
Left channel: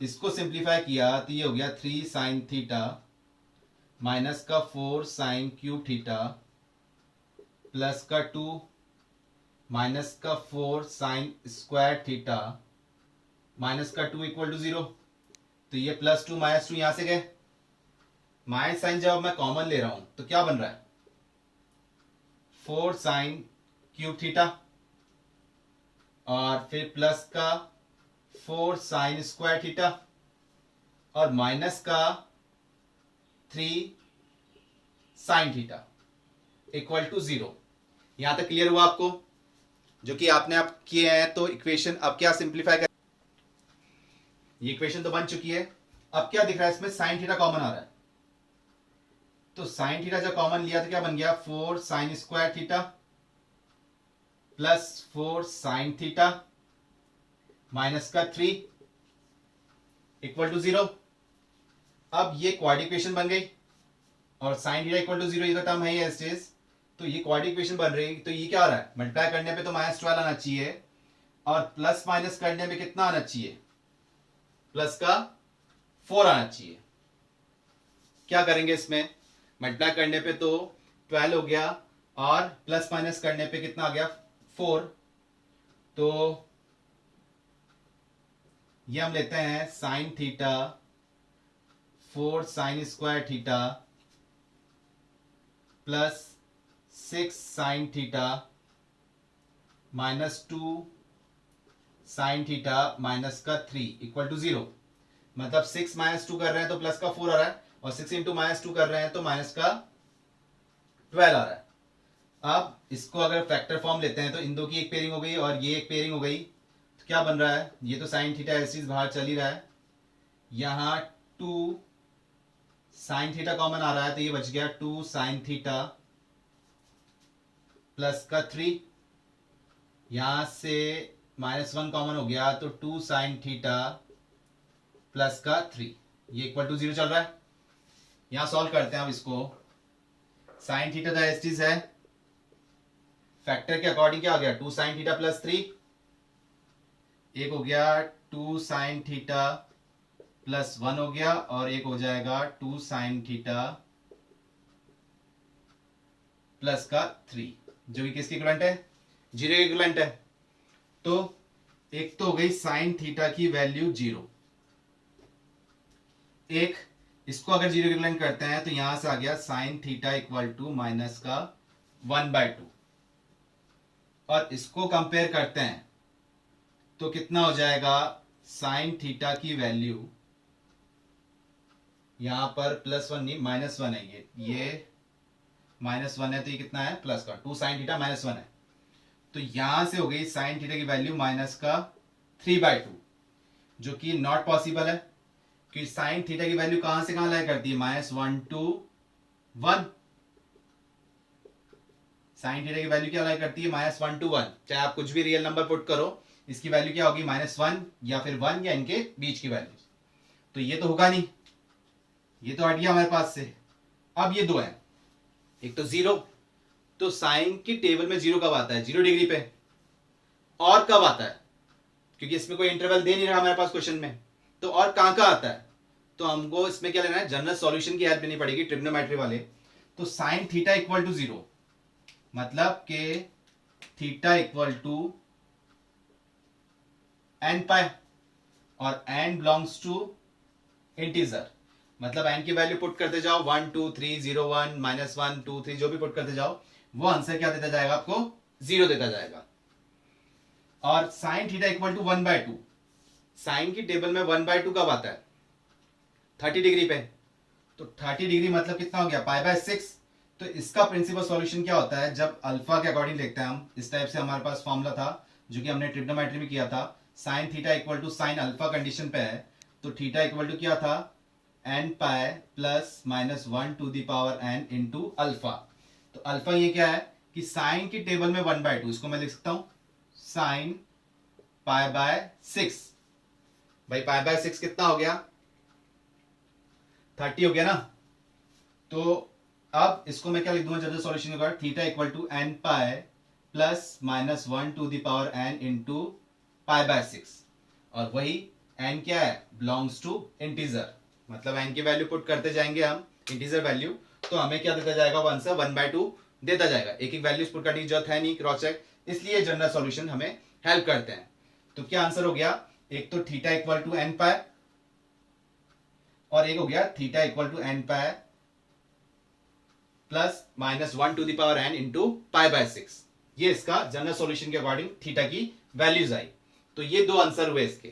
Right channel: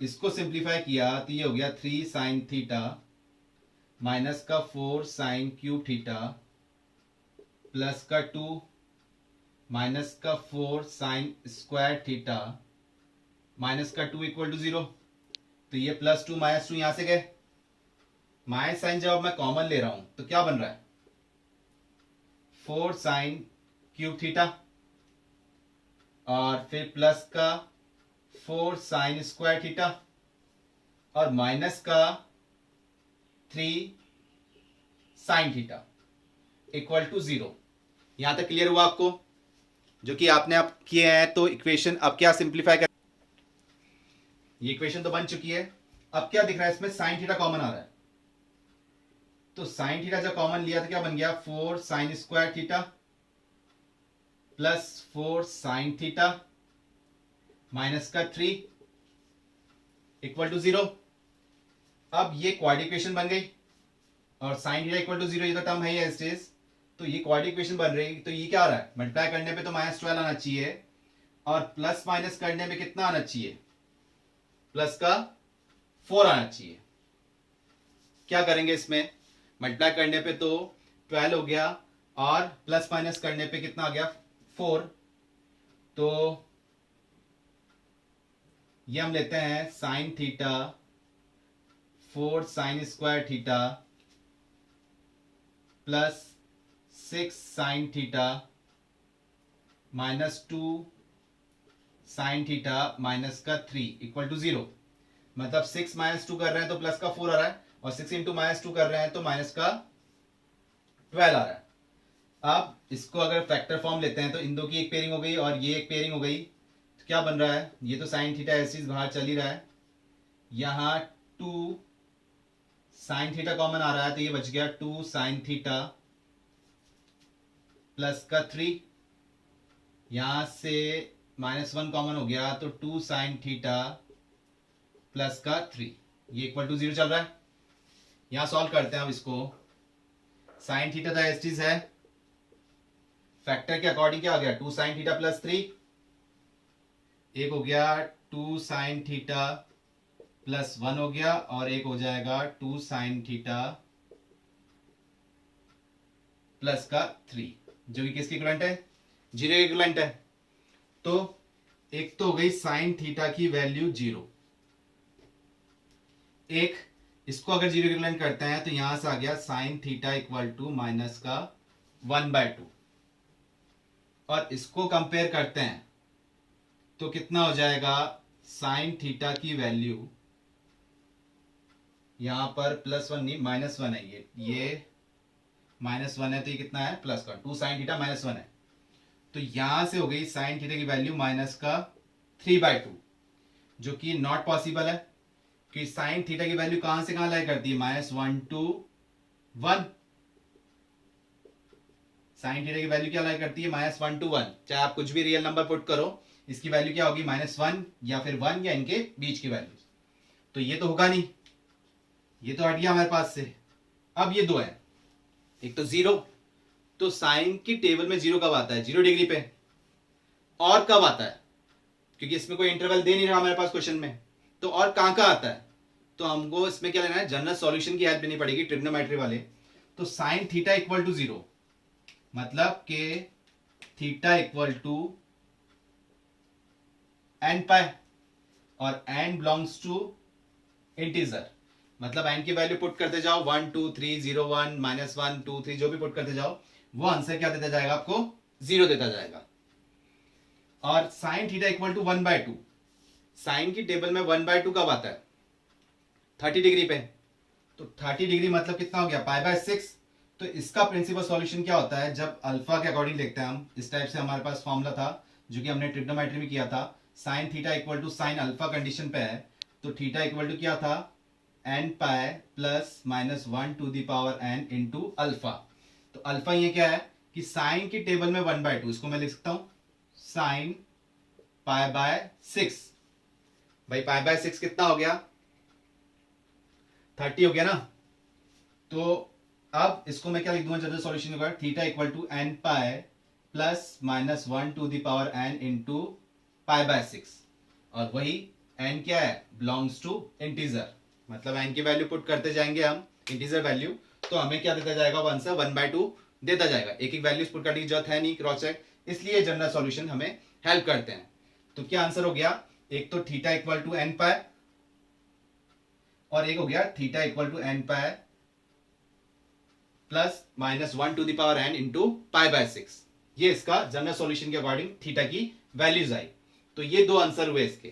इसको सिंप्लीफाई किया तो ये हो गया 3 साइन थीटा माइनस का 4 साइन क्यूब थीटा प्लस का 2 माइनस का 4 साइन स्क्वायर थीटा माइनस का 2 इक्वल टू 0। तो ये प्लस 2 माइनस 2 यहां से गए, माइनस साइन जब मैं कॉमन ले रहा हूं तो क्या बन रहा है 4 साइन क्यूब थीटा, और फिर प्लस का 4 साइन स्क्वायर थीटा, और माइनस का 3 साइन थीटा इक्वल टू 0। यहां तक क्लियर हुआ आपको, जो कि आपने आप किए हैं। तो इक्वेशन अब क्या सिंप्लीफाई कर, ये इक्वेशन तो बन चुकी है। अब क्या दिख रहा है इसमें, साइन थीटा कॉमन आ रहा है, तो साइन थीटा जब कॉमन लिया तो क्या बन गया 4 sine square theta plus 4 sign theta minus का 3 इक्वल टू 0। अब ये क्वाड्रेटिक इक्वेशन बन गई, और साइन थीटा इक्वल टू 0 ये तो टर्म है ही एज इट इज, तो ये क्वाड्रेटिक इक्वेशन बन रही है। तो ये क्या आ रहा है, मल्टीप्लाई करने पे तो माइनस 12 आना चाहिए, और प्लस माइनस करने में कितना आना चाहिए, प्लस का 4 आना चाहिए। क्या करेंगे इसमें, मल्टीप्लाई करने पे तो 12 हो गया, और प्लस माइनस करने पे कितना आ गया 4। तो ये हम लेते हैं sine theta 4 sine square theta plus 6 sign theta minus 2 sign theta minus का 3 इक्वल टू 0। मतलब 6 माइनस 2 कर रहे हैं तो प्लस का 4 आ रहा है, और 6 इंटू माइनस 2 कर रहे हैं तो माइनस का 12 आ रहा है। अब इसको अगर फैक्टर फॉर्म लेते हैं तो इन दो की एक पेयरिंग हो गई और ये एक पेयरिंग हो गई, तो क्या बन रहा है, ये तो साइन थीटा ऐसे बाहर चल ही रहा है, यहां 2 साइन थीटा कॉमन आ रहा है तो ये बच गया 2 साइन थीटा प्लस का 3, यहां से माइनस 1 कॉमन हो गया तो 2 साइन थीटा प्लस का 3, ये इक्वल टू 0 चल रहा है। यहां सॉल्व करते हैं अब इसको, साइन थीटा का एस्टिस है, फैक्टर के अकॉर्डिंग क्या हो गया 2 साइन थीटा प्लस 3, एक हो गया 2 साइन थीटा प्लस 1 हो गया, और एक हो जाएगा 2 साइन थीटा प्लस का 3, जो कि किसकी इक्विवेलेंट है, 0 की इक्विवेलेंट है। तो एक तो हो गई साइन थीटा की वैल्यू 0, एक इसको अगर 0 की इक्विवेलेंट करते हैं तो यहां से आ गया sine theta equal to minus का 1/2 और इसको कंपेयर करते हैं तो कितना हो जाएगा, साइन थीटा की वैल्यू यहां पर +1 नहीं -1 है, ये -1 है तो ये कितना है प्लस का 2 साइन थीटा -1 है, तो यहां से हो गई साइन थीटा की वैल्यू -3/2 जो कि नॉट पॉसिबल है कि साइन थीटा की वैल्यू कहां से कहां लाई करती है -1 to 1। साइन थीटा की वैल्यू क्या लाई करती है -1 to 1, चाहे आप कुछ भी रियल नंबर पुट करो इसकी वैल्यू क्या होगी -1 या फिर 1 या इनके बीच की वैल्यू, तो ये तो होगा नहीं, ये तो हट गया हमारे पास से। अब ये दो है, एक तो 0, तो साइन की टेबल में 0 कब आता है 0 डिग्री पे, और कब आता है क्योंकि इसमें कोई इंटरवल दे नहीं रहा हमारे पास क्वेश्चन में, तो और कहां आता है, तो हमको इसमें क्या लेना है जनरल सॉल्यूशन की हेल्प लेनी पड़ेगी ट्रिग्नोमेट्री वाले। तो साइन थीटा इक्वल टू 0 मतलब के थीटा इक्वल टू एन पाई और एन बिलोंग्स टू इंटीजर, मतलब एन की वैल्यू पुट करते जाओ 1 2 3 0 1 -1 2 3 जो भी पुट करते जाओ वो आंसर क्या देता जाएगा आपको 0 देता जाएगा। और sine theta equal to 1/2, sine की टेबल में 1/2 कब आता है 30 डिग्री पे, तो 30 डिग्री मतलब कितना हो गया π/6। तो इसका प्रिंसिपल सॉल्यूशन क्या होता है, जब अल्फा के अकॉर्डिंग लिखते हैं हम, इस टाइप से हमारे पास फॉर्मूला था जो कि हमने ट्रिग्नोमेट्री में किया था, sine theta equal to sine alpha condition पे है, तो थीटा इक्वल टू क्या था n pi plus -1 to the power n into alpha. तो अल्फा ये क्या है कि साइन की टेबल में 1/2, इसको मैं लिख सकता हूं साइन π/6, भाई π/6 कितना हो गया 30 हो गया ना, तो अब इसको मैं क्या लिख दूंगा जनरल सॉल्यूशन के बाद theta equal to n pi plus -1 to the power n into π/6, और वही n क्या है बिलोंग्स टू इंटीजर, मतलब n की वैल्यू पुट करते जाएंगे हम इंटीजर वैल्यू, तो हमें क्या देता जाएगा वो आंसर 1/2 देता जाएगा, एक एक वैल्यूज पुट करने की जरूरत है नहीं क्रॉस चेक, इसलिए जनरल सॉल्यूशन हमें हेल्प करते हैं। तो क्या आंसर हो गया, एक तो theta equal to n pi और एक हो गया theta equal to n pi plus -1 to the power n into π/6, ये इसका जनरल सॉल्यूशन के अकॉर्डिंग थीटा की वैल्यूज आई। तो ये दो आंसर हुए इसके,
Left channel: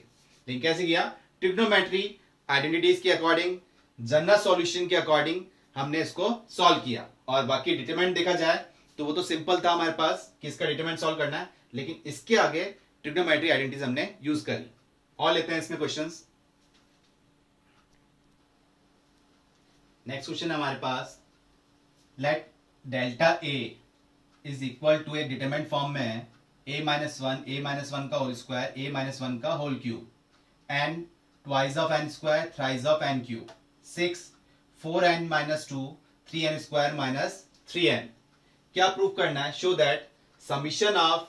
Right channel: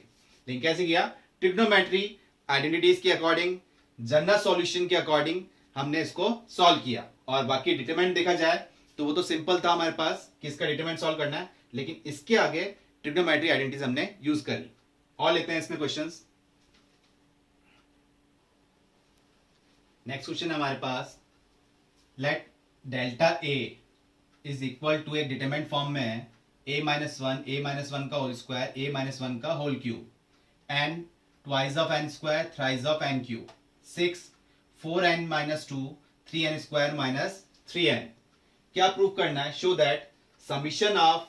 लेकिन कैसे किया ट्रिग्नोमेट्री आइडेंटिटीज के अकॉर्डिंग जनरल सॉल्यूशन के अकॉर्डिंग हमने इसको सॉल्व किया, और बाकी डिटरमिनेंट देखा जाए तो वो तो सिंपल था हमारे पास कि इसका डिटरमिनेंट सॉल्व करना है, लेकिन इसके आगे ट्रिग्नोमेट्री आइडेंटिटीज हमने यूज करी। और लेते हैं इसमें क्वेश्चंस। नेक्स्ट क्वेश्चन है हमारे पास, let delta a is equal to एक डिटरमिनेंट फॉर्म में है a-1 का होल स्क्वायर a-1 का whole cube and twice of n square thrice of n cube 6 4n-2 3n square -3n। क्या प्रूव करना है, show that summation of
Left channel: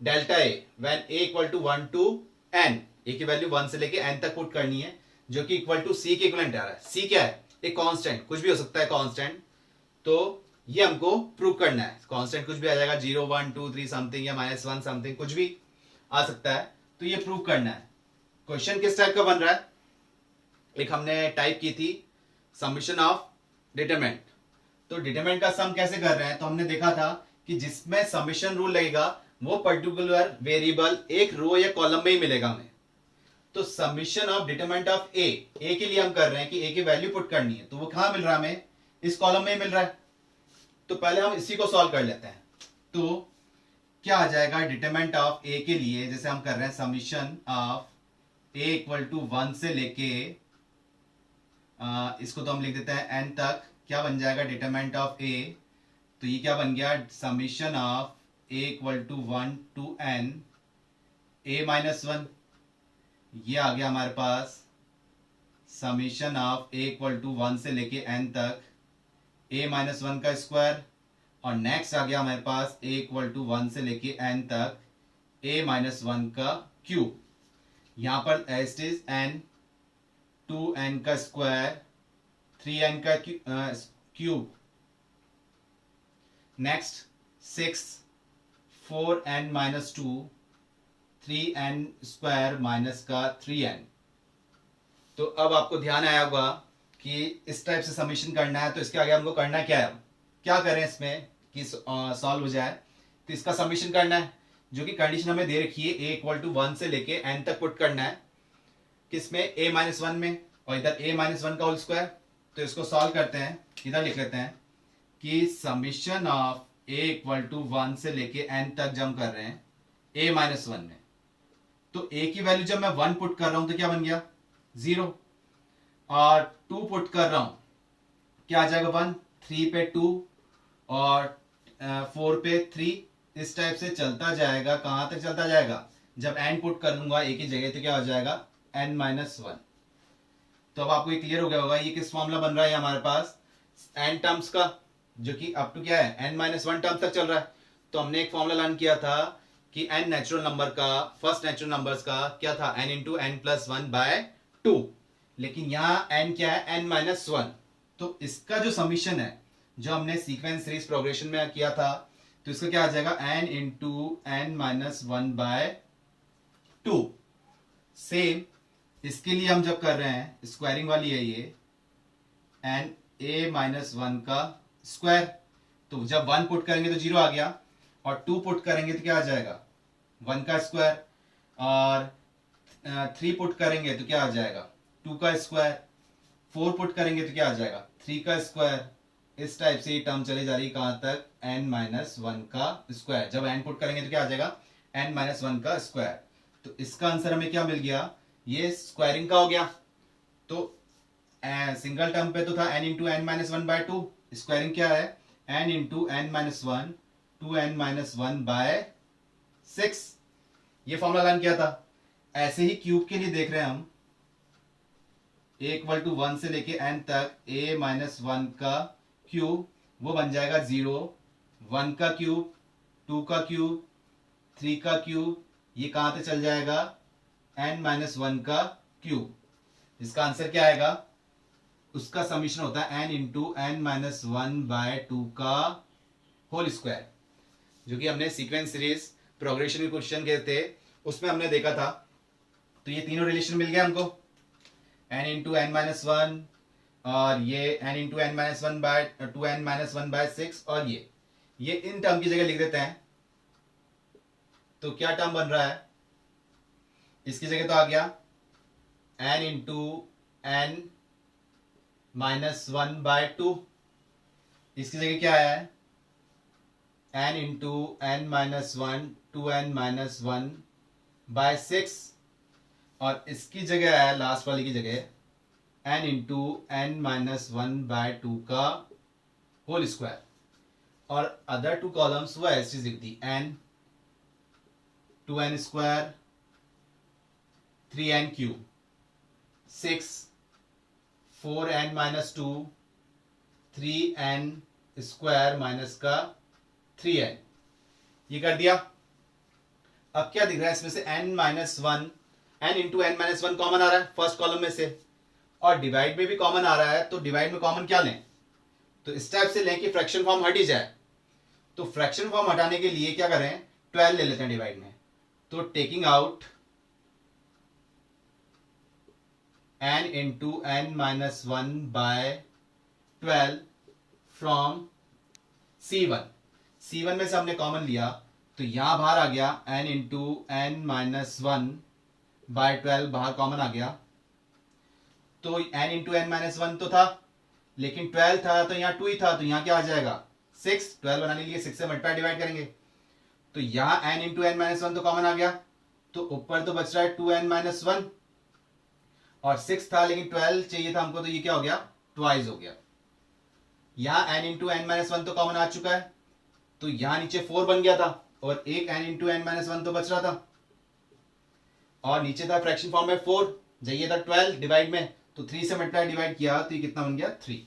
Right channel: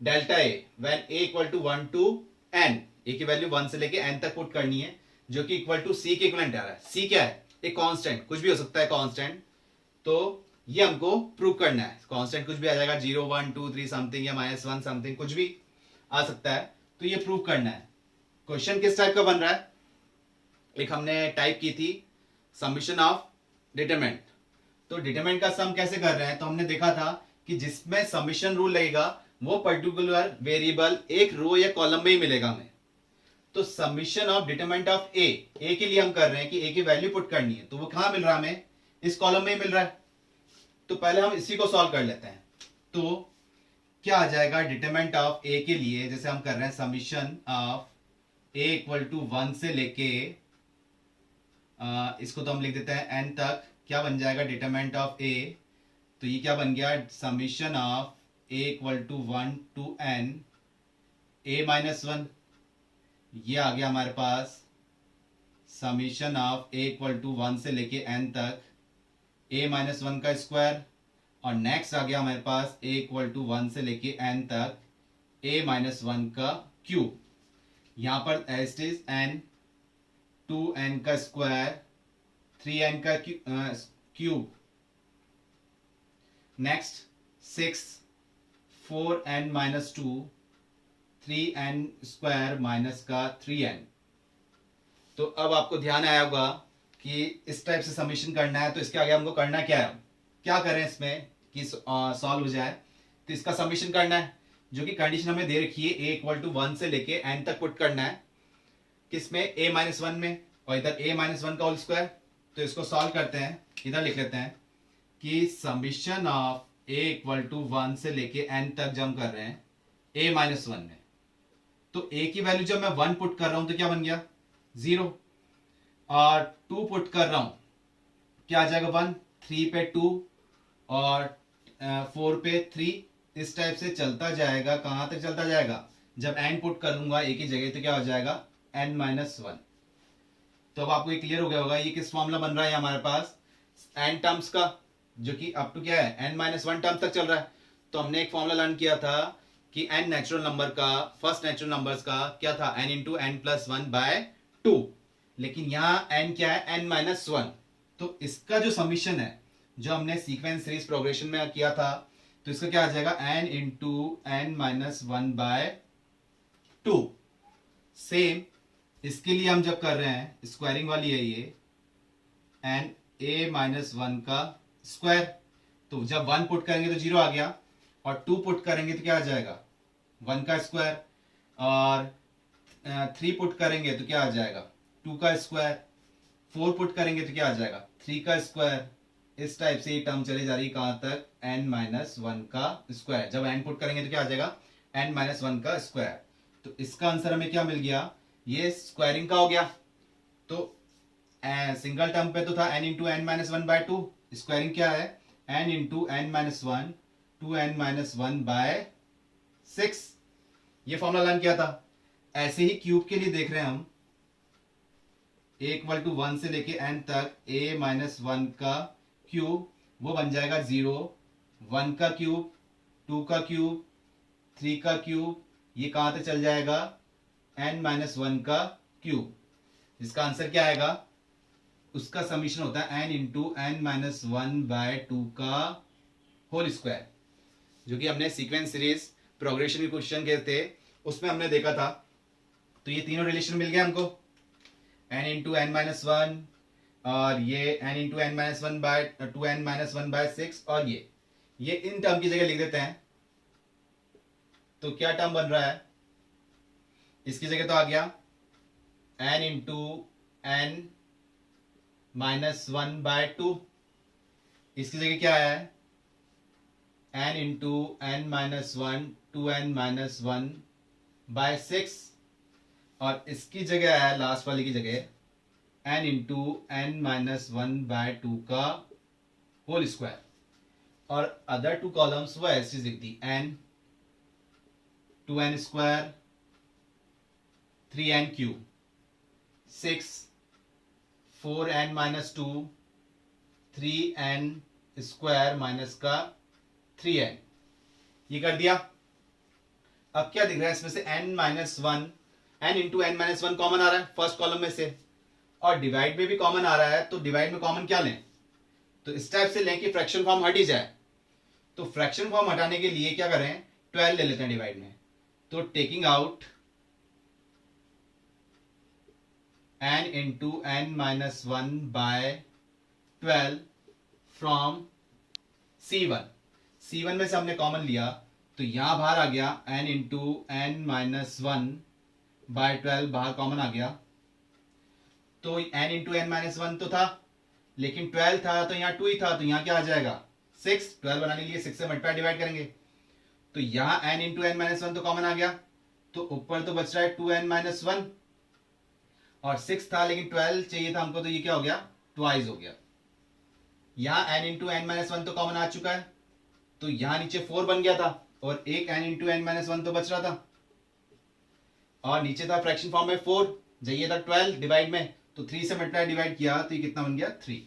delta a when a equal to 1 to n, a की value 1 से लेके n तक put करनी है जो कि इक्वल टू c के इक्विवेलेंट आ रहा है। c क्या है, एक कांस्टेंट, कुछ भी हो सकता है कांस्टेंट, तो ये हमको प्रूव करना है, कांस्टेंट कुछ भी आ जाएगा 0 1 2 3 समथिंग या -1 समथिंग कुछ भी आ सकता है, तो ये प्रूव करना है। क्वेश्चन किस टाइप का बन रहा है, एक हमने टाइप की थी समीशन ऑफ डिटरमिनेंट, तो डिटरमिनेंट का सम कैसे कर रहे हैं, तो हमने देखा था कि जिसमें समीशन रूल लगेगा वो पर्टिकुलर वेरिएबल एक रो या कॉलम में ही मिलेगा हमें। तो समीशन ऑफ डिटरमिनेंट ऑफ ए के लिए हम कर रहे हैं कि ए की वैल्यू पुट करनी है, तो वो कहां मिल रहा है हमें, इस कॉलम में ही मिल रहा है। तो पहले हम इसी को सॉल्व कर लेते हैं, तो क्या आ जाएगा डिटरमिनेंट ऑफ ए के लिए, जैसे हम कर रहे हैं summation of A equal to 1 से लेके इसको तो हम लिख देते हैं n तक, क्या बन जाएगा डिटरमिनेंट ऑफ ए, तो ये क्या बन गया summation of A equal to 1 to n a-1, ये आ गया हमारे पास summation of A equal to 1 से लेके n तक a-1 का स्क्वायर, और नेक्स्ट आ गया हमारे पास a इक्वल टू 1 से लेके n तक a-1 का क्यूब, यहां पर as it is n 2n का स्क्वायर 3n का cube, next 6 4n-2 3n square minus का 3n। तो अब आपको ध्यान आया होगा कि इस टाइप से समीशन करना है, तो इसके आगे हमको करना क्या है, क्या करें इसमें, कि सॉल्व हो जाए, तो इसका समीशन करना है, जो कि कंडीशन हमें दे रखी है a इक्वल टू 1 से लेके n तक पुट करना है, किसमें a माइनस 1 में, और इधर a माइनस 1 का होल स्क्वायर। तो इसको सॉल्व करते हैं, इधर लिख लेते हैं कि summation of a equal to 1 से लेके n तक जम कर रहे हैं a माइनस 1 में। तो a की वैल्यू जब मैं 1 पुट कर रहा हूं तो क्या बन गया 0, और 2 पुट कर रहा हूं क्या आ जाएगा 1, 3 पे 2 और 4 पे 3, इस टाइप से चलता जाएगा। कहां तक चलता जाएगा, जब n पुट कर लूंगा a की जगह तो क्या हो जाएगा n माइनस 1। तो अब आपको ये क्लियर हो गया होगा ये किस फॉर्मूला बन रहा है हमारे पास n टर्म्स का, जो कि अप टू क्या है n माइनस 1 टर्म्स तक चल रहा है। तो हमने एक फॉर्मूला लर्न किया था कि n नेचुरल नंबर का, फर्स्ट नेचुरल नंबर्स का क्या था n into N plus 1 by 2, लेकिन यहाँ n क्या है n माइनस 1। तो इसका जो समीशन है जो हमने सीक्वेंस सीरीज प्रोग्रेशन में किया था, तो इसका क्या आ जाएगा n into N minus 1 by 2। Same इसके लिए हम जब कर रहे हैं स्क्वायरिंग वाली है ये एन a माइनस 1 का स्क्वायर, तो जब 1 पुट करेंगे तो 0 आ गया, और 2 पुट करेंगे तो क्या आ जाएगा 1 का स्क्वायर, और 3 पुट करेंगे तो क्या आ जाएगा 2 का स्क्वायर, 4 पुट करेंगे तो क्या आ जाएगा 3 का स्क्वायर। इस टाइप से ये टर्म चली जा रही है कहां तक n माइनस 1 का स्क्वायर। जब n पुट करेंगे तो क्या आ जाएगा n माइनस 1 का स्क्वायर। तो इसका आंसर हमें क्या मिल गया, ये स्क्वायरिंग का हो गया। तो सिंगल टर्म पे तो था n into N minus 1 by 2, squaring क्या है n into N minus 1 2n minus 1 by 6। ये फॉर्मूला लर्न किया था। ऐसे ही क्यूब के लिए देख रहे हैं हम a इक्वल टू 1 से लेके n तक a माइनस 1 का क्यूब, वो बन जाएगा 0, 1 का क्यूब, 2 का क्यूब, 3 का क्यूब, ये कहां तक चल जाएगा n माइनस 1 का क्यूब। इसका आंसर क्या आएगा, उसका समीशन होता है n into N minus 1 by 2 का होल स्क्वायर, जो कि हमने सीक्वेंस सीरीज प्रोग्रेशन के क्वेश्चन के थे उसमें हमने देखा था। तो ये तीनों रिलेशन मिल गया हमको, n इंटू एन माइनस 1, और ये n into N minus 1 by 2n minus 1 by 6, और ये इन टर्म की जगह लिख देते हैं। तो क्या टर्म बन रहा है, इसकी जगह तो आ गया n into N minus 1 by 2, इसकी जगह क्या है n into N minus 1 2n minus 1 by 6, और इसकी जगह है लास्ट वाली की जगह n into N minus 1 by 2 का होल स्क्वायर, और अदर 2 कॉलम्स वो ऐसी लिख दी n 2n square 3n cube 6 4n minus 2 3n square minus का 3n, ये कर दिया। अब क्या दिख रहा है इसमें से n minus 1, n into N minus 1 common आ रहा है फर्स्ट कॉलम में से, और डिवाइड में भी कॉमन आ रहा है। तो डिवाइड में कॉमन क्या लें, तो इस टाइप से लें कि फ्रैक्शन फॉर्म हट ही जाए। तो फ्रैक्शन फॉर्म हटाने के लिए क्या करें 12 ले लेते हैं डिवाइड में। तो taking out n into N minus 1 by 12 from C1 में से हमने कॉमन लिया, तो यहां बाहर आ गया n into N minus 1 by 12, बाहर कॉमन आ गया। तो n इंटू एन माइनस 1 तो था, लेकिन 12 था तो यहाँ 2 ही था, तो यहाँ क्या आ जाएगा 6। 12 बनाने के लिए 6 से मल्टीप्लाई डिवाइड करेंगे, तो यहाँ n इंटू एन माइनस 1 तो कॉमन आ गया, तो ऊपर तो बच रहा है 2n माइनस 1, और 6 था लेकिन 12 चाहिए था हमको, तो ये क्या हो गया ट्वाइस हो गया। यहाँ n इंटू एन माइनस 1 तो कॉमन आ चुका है, तो यहां नीचे 4 बन गया था, और एक n इंटू एन माइनस 1 तो बच रहा था, और नीचे था फ्रैक्शन फॉर्म में 4, चाहिए था 12 डिवाइड में, तो 3 से मल्टीप्लाई डिवाइड किया तो ये कितना बन गया 3।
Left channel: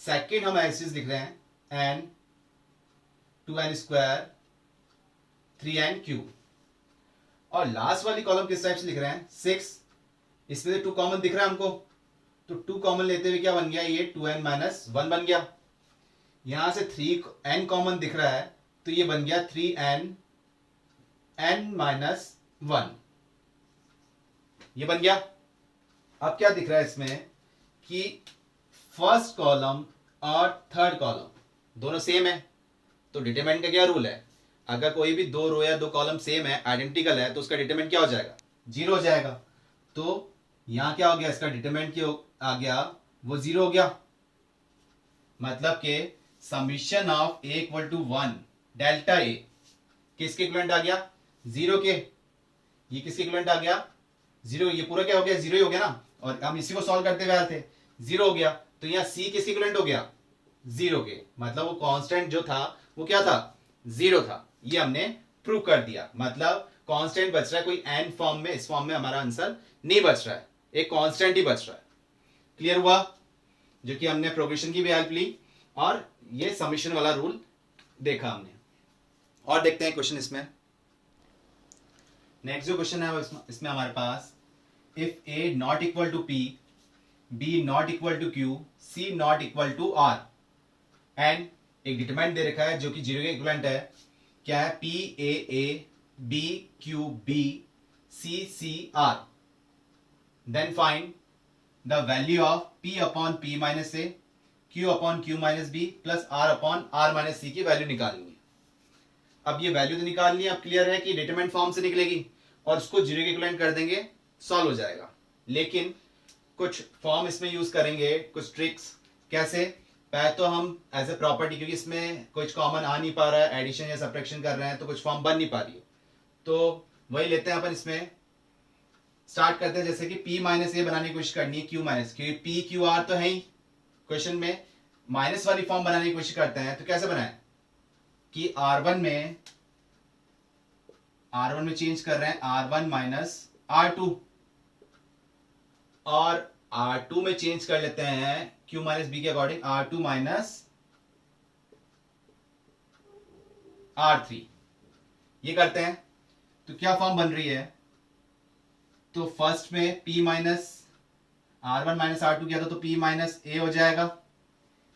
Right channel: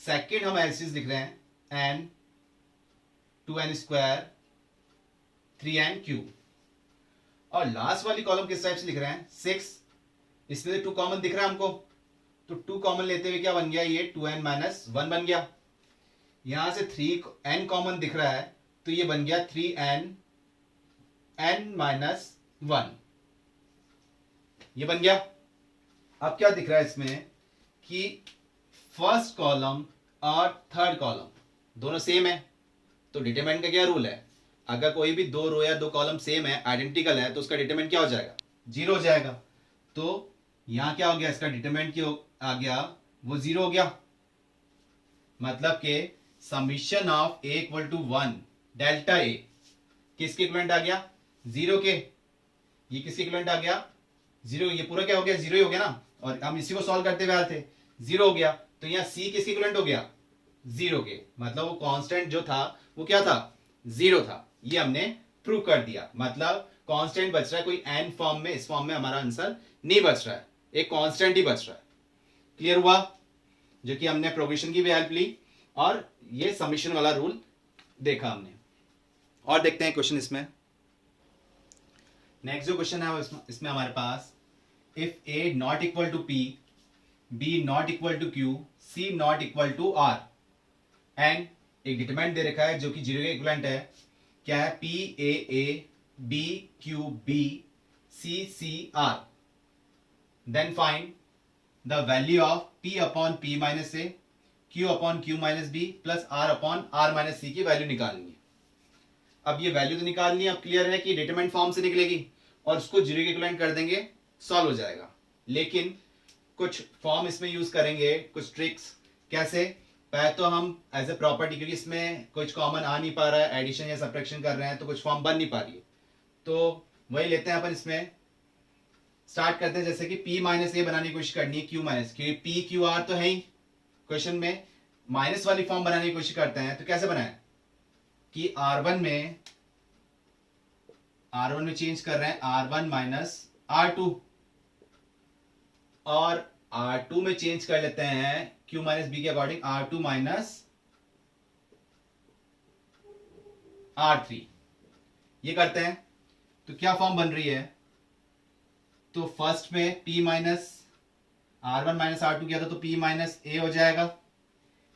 सेकेंड हम ऐसे लिख रहे हैं n 2n square 3n cube, और लास्ट वाली कॉलम किस टाइप से लिख रहे हैं 6, इसमें से 2 कॉमन दिख रहा है हमको, तो 2 कॉमन लेते हुए क्या बन गया ये 2n माइनस 1 बन गया। यहां से 3n कॉमन दिख रहा है, तो ये बन गया 3n n माइनस 1, ये बन गया। अब क्या दिख रहा है इसमें कि फर्स्ट कॉलम और थर्ड कॉलम दोनों सेम है, तो डिटरमिनेंट का क्या रूल है, अगर कोई भी दो रो या दो कॉलम सेम है, आइडेंटिकल है, तो उसका डिटरमिनेंट क्या हो जाएगा, 0 हो जाएगा। तो यहां क्या हो गया, इसका डिटरमिनेंट क्या आ गया, वो 0 हो गया। मतलब के summation of A equal to 1 delta a किसके इक्विवेलेंट आ गया, 0 के। ये किसके इक्विवेलेंट आ गया, 0। ये पूरा क्या हो गया, 0 ही हो गया ना, और हम इसी को सॉल्व करते हुए आए थे, 0 हो गया। तो यहाँ सी किसके इक्विवेलेंट हो गया, 0 के। मतलब वो कांस्टेंट जो था वो क्या था, 0 था। ये हमने प्रूव कर दिया। मतलब कांस्टेंट बच रहा है, कोई एन फॉर्म में, इस फॉर्म में हमारा आंसर नहीं बच रहा है, एक कांस्टेंट ही बच रहा है। क्लियर हुआ, जो कि हमने प्रोग्रेशन की भी हेल्प ली और ये समीशन वाला रूल देखा हमने। और देखते हैं क्वेश्चन इसमें। नेक्स्ट जो क्वेश्चन है वो इसमें हमारे पास, if a not equal to p, b not equal to q, c not equal to r, and एक डिटरमिनेंट दे रखा है जो कि 0 के इक्विवेलेंट है। क्या है, p a, b q b, c r. Then find the value of p upon p minus a, q upon q minus b plus r upon r minus c की वैल्यू निकालनी है। अब ये वैल्यू तो निकालनी है, अब क्लियर है कि डिटरमिनेंट फॉर्म से निकलेगी और उसको 0 के इक्विवेलेंट कर देंगे, सॉल्व हो जाएगा। लेकिन कुछ फॉर्म इसमें यूज करेंगे, कुछ ट्रिक्स। कैसे, पहले तो हम एज ए प्रॉपर्टी, क्योंकि इसमें कुछ कॉमन आ नहीं पा रहा है, एडिशन या सब्ट्रैक्शन कर रहे हैं तो कुछ फॉर्म बन नहीं पा रही है, तो वही लेते हैं अपन। इसमें स्टार्ट करते हैं, जैसे कि p माइनस ए बनाने की कोशिश करनी है, q माइनस, क्योंकि p q r तो है ही क्वेश्चन में, माइनस वाली फॉर्म बनाने की कोशिश करते हैं। तो कैसे बनाए कि r1 में चेंज कर रहे हैं r1 माइनस r2, और r2 में चेंज कर लेते हैं q माइनस बी के अकॉर्डिंग r2 माइनस r3, ये करते हैं। तो क्या फॉर्म बन रही है, तो फर्स्ट में p minus r1 minus r2 किया था तो p माइनस a हो जाएगा,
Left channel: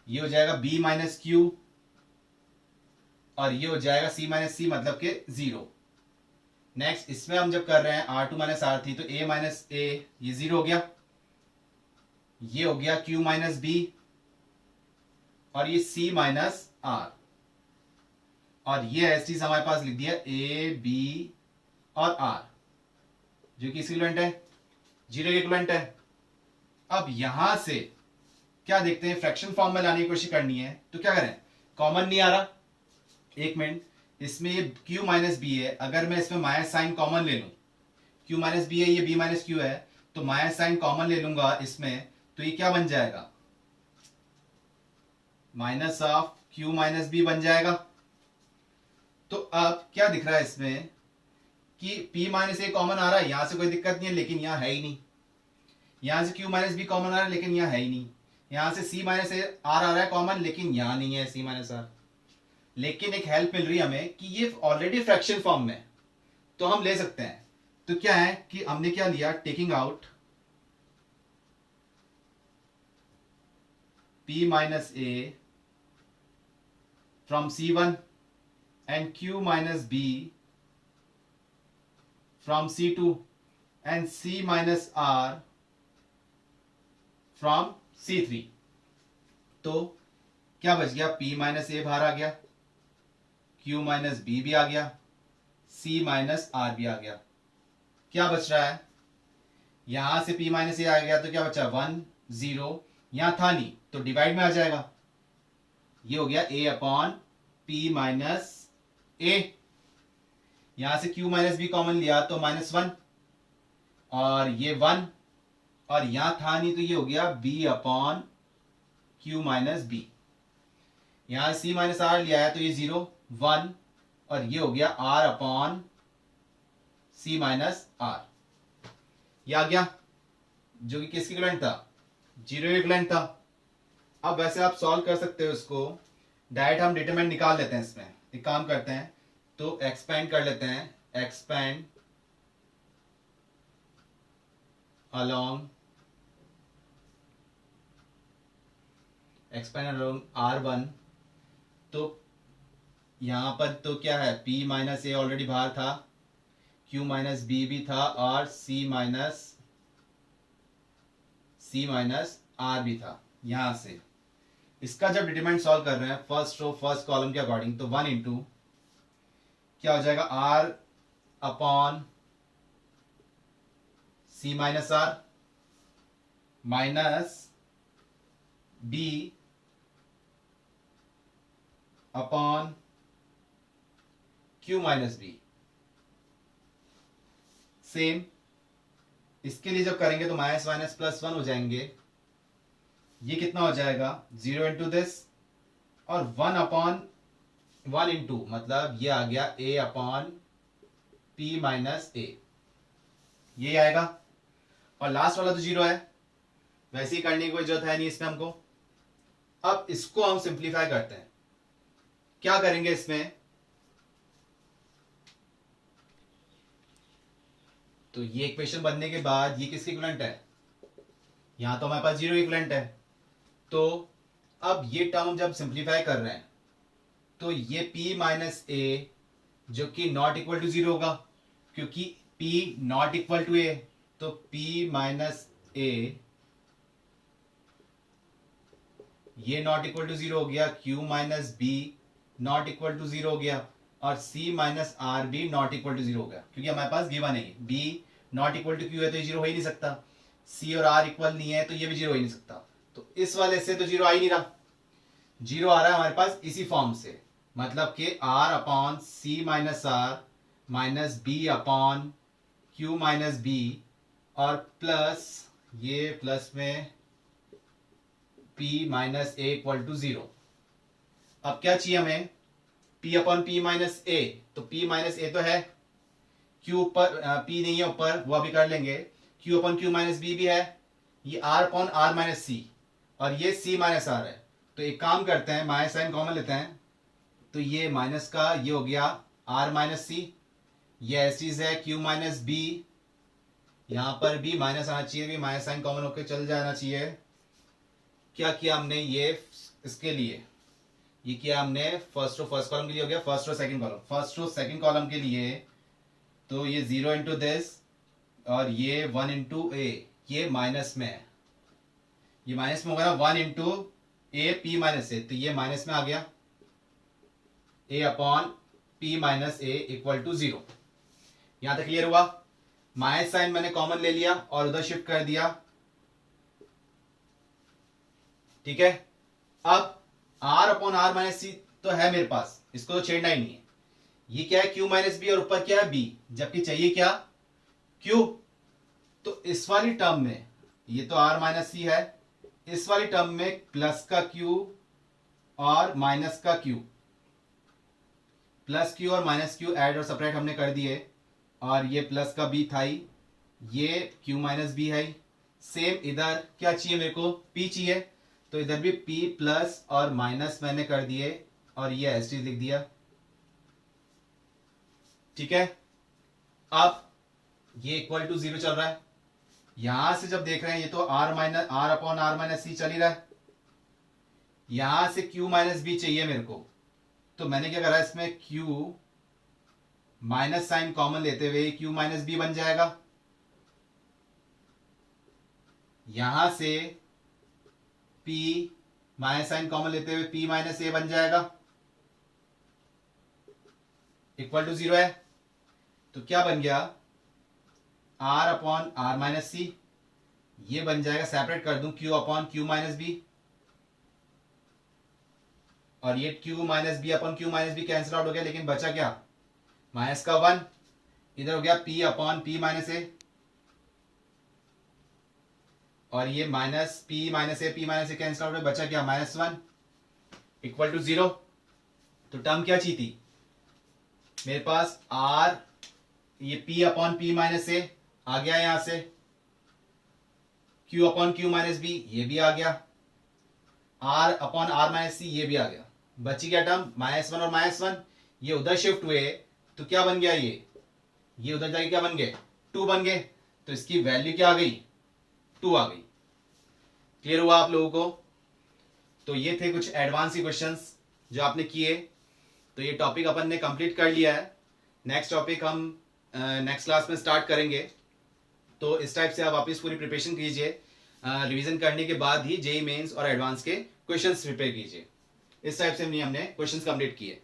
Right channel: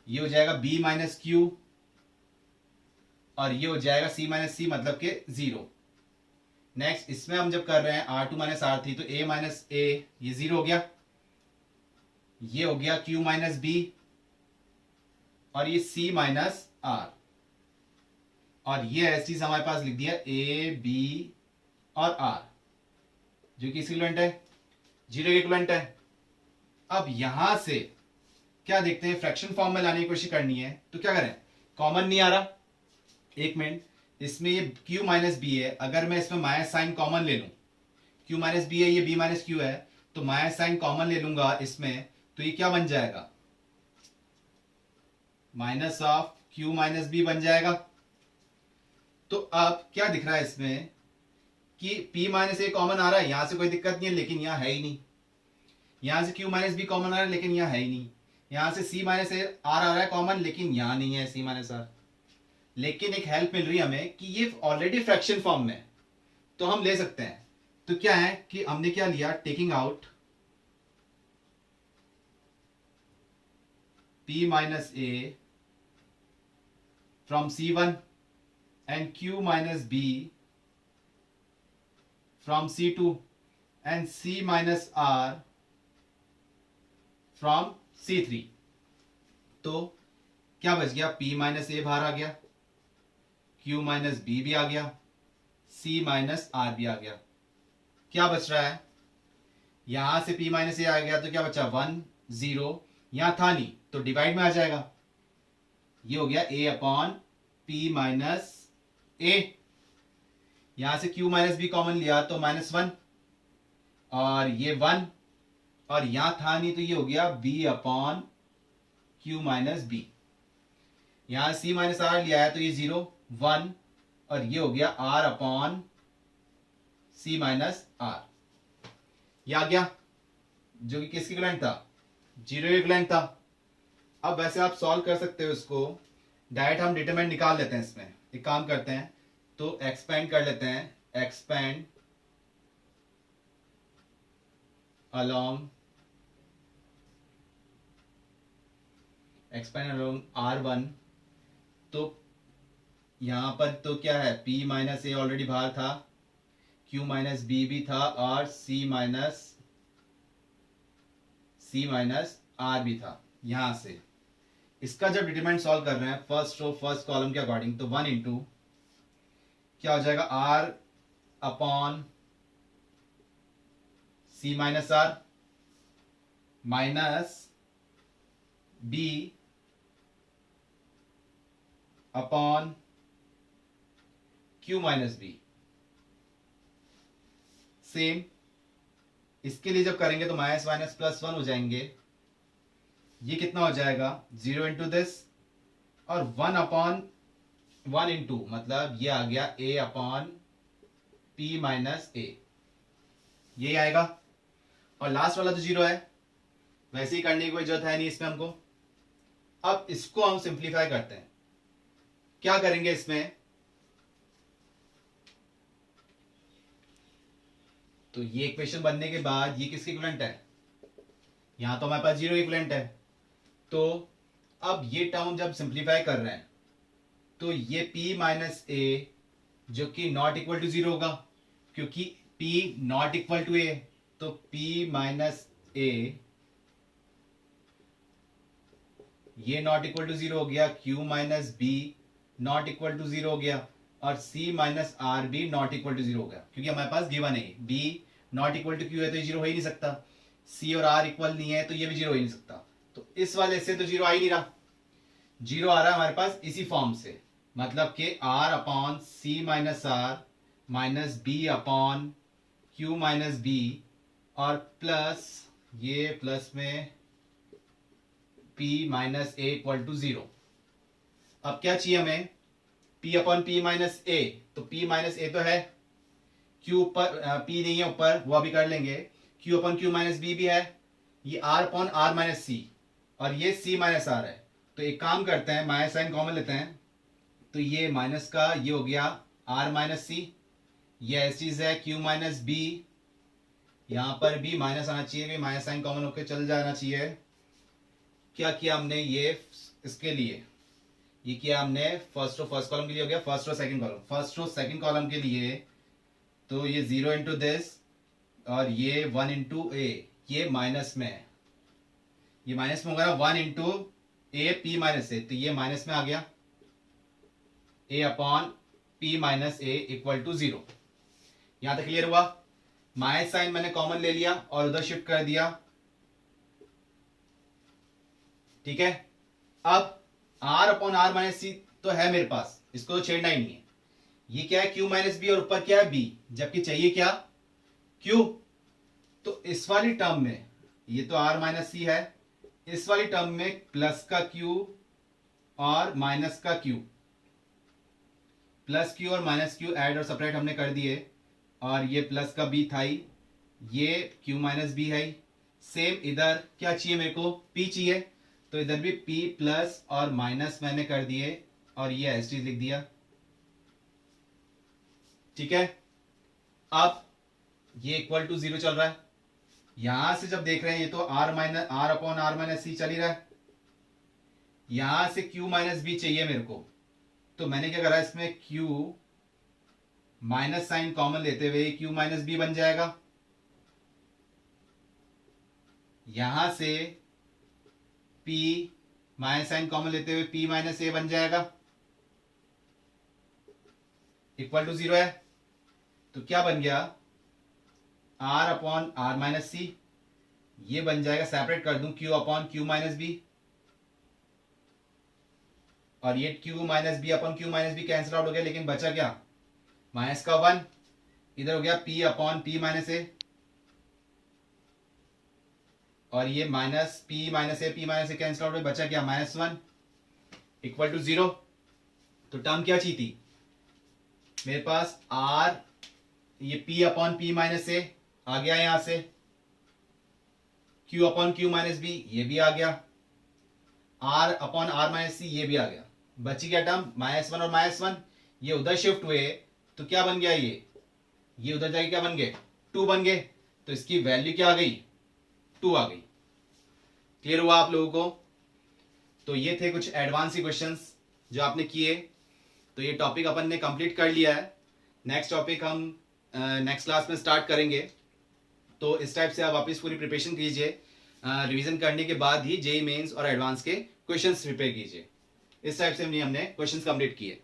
ये हो जाएगा b माइनस q, और ये हो जाएगा c माइनस सी, मतलब के 0। नेक्स्ट इसमें हम जब कर रहे हैं r2 माइनस r3, तो a माइनस a ये 0 हो गया, ये हो गया q माइनस b, और ये c माइनस r, और ये ऐसी चीज हमारे पास लिख दिया a b और r, जो कि इक्विवेलेंट है, 0 के इक्विवेलेंट है। अब यहां से क्या देखते हैं, फ्रैक्शन फॉर्म में लाने की कोशिश करनी है, तो क्या करें, कॉमन नहीं आ रहा, एक मिनट, इसमें ये q माइनस बी है, अगर मैं इसमें माइनस साइन कॉमन ले लूं, q माइनस बी है, ये b माइनस क्यू है, तो माइनस साइन कॉमन ले लूंगा इसमें, तो ये क्या बन जाएगा, minus of q minus B बन जाएगा। तो अब क्या दिख रहा है इसमें कि p माइनस ए कॉमन आ रहा है, यहां से कोई दिक्कत नहीं है, लेकिन यहां है ही नहीं। यहां से q माइनस बी कॉमन आ रहा है, लेकिन यहां है ही नहीं। यहां से c माइनस ए आर आ रहा है कॉमन, लेकिन यहां नहीं है c माइनस आर। लेकिन एक हेल्प मिल रही है हमें कि ये ऑलरेडी फ्रैक्शन फॉर्म में, तो हम ले सकते हैं। तो क्या है कि हमने क्या लिया, taking out p minus A from c1 and q minus b from c2 and c minus r from c3। तो क्या बच गया, p माइनस ए बाहर आ गया, q माइनस बी भी आ गया, c माइनस आर भी आ गया। क्या बच रहा है, यहां से p माइनस ए आ गया, तो क्या बचा 1 0, यहां था नहीं तो डिवाइड में आ जाएगा, ये हो गया a अपॉन p माइनस ए, यहां से q माइनस बी कॉमन लिया तो -1, और ये 1, और यहां था नहीं तो ये हो गया b upon q minus B. यहां c माइनस आर लिया है तो ये 0 1, और ये हो गया r upon c minus R, ये आ गया, जो कि किसके इक्विवेलेंट था, 0 के इक्विवेलेंट था। अब वैसे आप सॉल्व कर सकते हो इसको, डायरेक्ट हम डिटरमिनेंट निकाल लेते हैं। इसमें एक काम करते हैं, तो एक्सपेंड कर लेते हैं, एक्सपेंड अलोंग r1, तो यहां पर तो क्या है, p माइनस ए ऑलरेडी बाहर था, q माइनस बी भी था, और c माइनस आर भी था। यहां से इसका जब डिटरमिनेंट सॉल्व कर रहे हैं फर्स्ट रो फर्स्ट कॉलम के अकॉर्डिंग, तो 1 इंटू क्या हो जाएगा, R upon C minus R minus B upon Q minus B. Same इसके लिए जब करेंगे तो माइनस माइनस प्लस 1 हो जाएंगे। ये कितना हो जाएगा, 0 इंटू दिस और 1 अपॉन 1 इंटू मतलब ये आ गया a upon P minus A, ये आएगा। और लास्ट वाला तो 0 है, वैसे ही करने की कोई जरूरत है नहीं इसमें हमको। अब इसको हम सिंप्लीफाई करते हैं। क्या करेंगे इसमें, तो ये इक्वेशन बनने के बाद ये किसके इक्विवेलेंट है, यहां तो हमारे पास 0 इक्विवेलेंट है। तो अब ये टर्म जब सिंप्लीफाई कर रहे हैं तो ये p माइनस ए जो कि नॉट इक्वल टू 0 होगा, क्योंकि p not equal to a, तो p माइनस ए ये नॉट इक्वल टू 0 हो गया, q minus B not equal to 0 हो गया, और c माइनस आर भी नॉट इक्वल टू 0 हो गया, क्योंकि हमारे पास गिवन है b not equal to q है तो ये 0 हो ही नहीं सकता, c और r इक्वल नहीं है तो ये भी 0 हो ही नहीं सकता। तो इस वाले से तो 0 आ ही नहीं रहा, 0 आ रहा है हमारे पास इसी फॉर्म से, मतलब कि r upon C minus R minus B upon Q minus B और प्लस ये प्लस में p minus A equal to 0। अब क्या चाहिए हमें, p upon P minus A, तो p माइनस ए तो है, q ऊपर p नहीं है ऊपर, वो अभी कर लेंगे, q upon Q minus B भी है, ये r upon R minus C और ये c माइनस आर है। तो एक काम करते हैं, माइनस साइन कॉमन लेते हैं, तो ये माइनस का ये हो गया r माइनस सी, ये ऐसी चीज है q माइनस बी, यहां पर भी माइनस आना चाहिए, भी माइनस साइन कॉमन होकर चल जाना चाहिए। क्या किया हमने, ये इसके लिए ये किया हमने फर्स्ट रो फर्स्ट कॉलम के लिए हो गया, first row second column, first row second column के लिए तो ये 0 इंटू दिस और ये 1 इंटू ए, ये माइनस में है, ये माइनस में होगा ना, 1 into A P minus A, तो ये माइनस में आ गया, a upon P minus A equal to 0। यहां तक क्लियर हुआ। माइनस साइन मैंने कॉमन ले लिया और उधर शिफ्ट कर दिया, ठीक है। अब r अपॉन आर माइनस सी तो है मेरे पास, इसको तो छेड़ना ही नहीं है। ये क्या है, q माइनस बी और ऊपर क्या है b, जबकि चाहिए क्या q। तो इस वाली टर्म में ये तो r माइनस सी है, इस वाली टर्म में प्लस का q और माइनस का q, प्लस q और माइनस q ऐड और सेपरेट हमने कर दिए, और ये प्लस का b था ही, ये q माइनस b है। सेम इधर क्या चाहिए मेरे को, p चाहिए, तो इधर भी p प्लस और माइनस मैंने कर दिए और ये एस लिख दिया, ठीक है। अब ये इक्वल टू 0 चल रहा है, यहां से जब देख रहे हैं ये तो r अपॉन आर माइनस सी चल ही रहा है, यहां से q माइनस बी चाहिए मेरे को, तो मैंने क्या करा, इसमें q माइनस साइन कॉमन लेते हुए q माइनस बी बन जाएगा, यहां से p माइनस साइन कॉमन लेते हुए p माइनस ए बन जाएगा, इक्वल टू 0 है। तो क्या बन गया, r upon R minus C, ये बन जाएगा, सेपरेट कर दूं, q upon Q minus B, और ये q minus B upon Q minus B cancel out हो गया, लेकिन बचा क्या, माइनस का 1, इधर हो गया p अपॉन पी माइनस ए, और ये माइनस पी माइनस ए कैंसिल आउट हो गया, बचा क्या, -1 इक्वल टू 0। तो टर्म क्या चाहिए थी मेरे पास, r ये p upon P minus A आ गया, यहां से q upon Q minus B ये भी आ गया, r upon R minus C ये भी आ गया, बची क्या टर्म, -1 और -1, ये उधर शिफ्ट हुए तो क्या बन गया, ये उधर जाके क्या बन गए, 2 बन गए, तो इसकी वैल्यू क्या आ गई, 2 आ गई। क्लियर हुआ आप लोगों को। तो ये थे कुछ एडवांस क्वेश्चंस जो आपने किए, तो ये टॉपिक अपन ने कंप्लीट कर लिया है। नेक्स्ट टॉपिक हम नेक्स्ट क्लास में स्टार्ट करेंगे, तो इस टाइप से आप वापस पूरी प्रिपरेशन कीजिए, रिवीजन करने के बाद ही जेईई मेंस और एडवांस के क्वेश्चंस प्रिपेयर कीजिए। इस टाइप से हमने क्वेश्चंस कंप्लीट किए।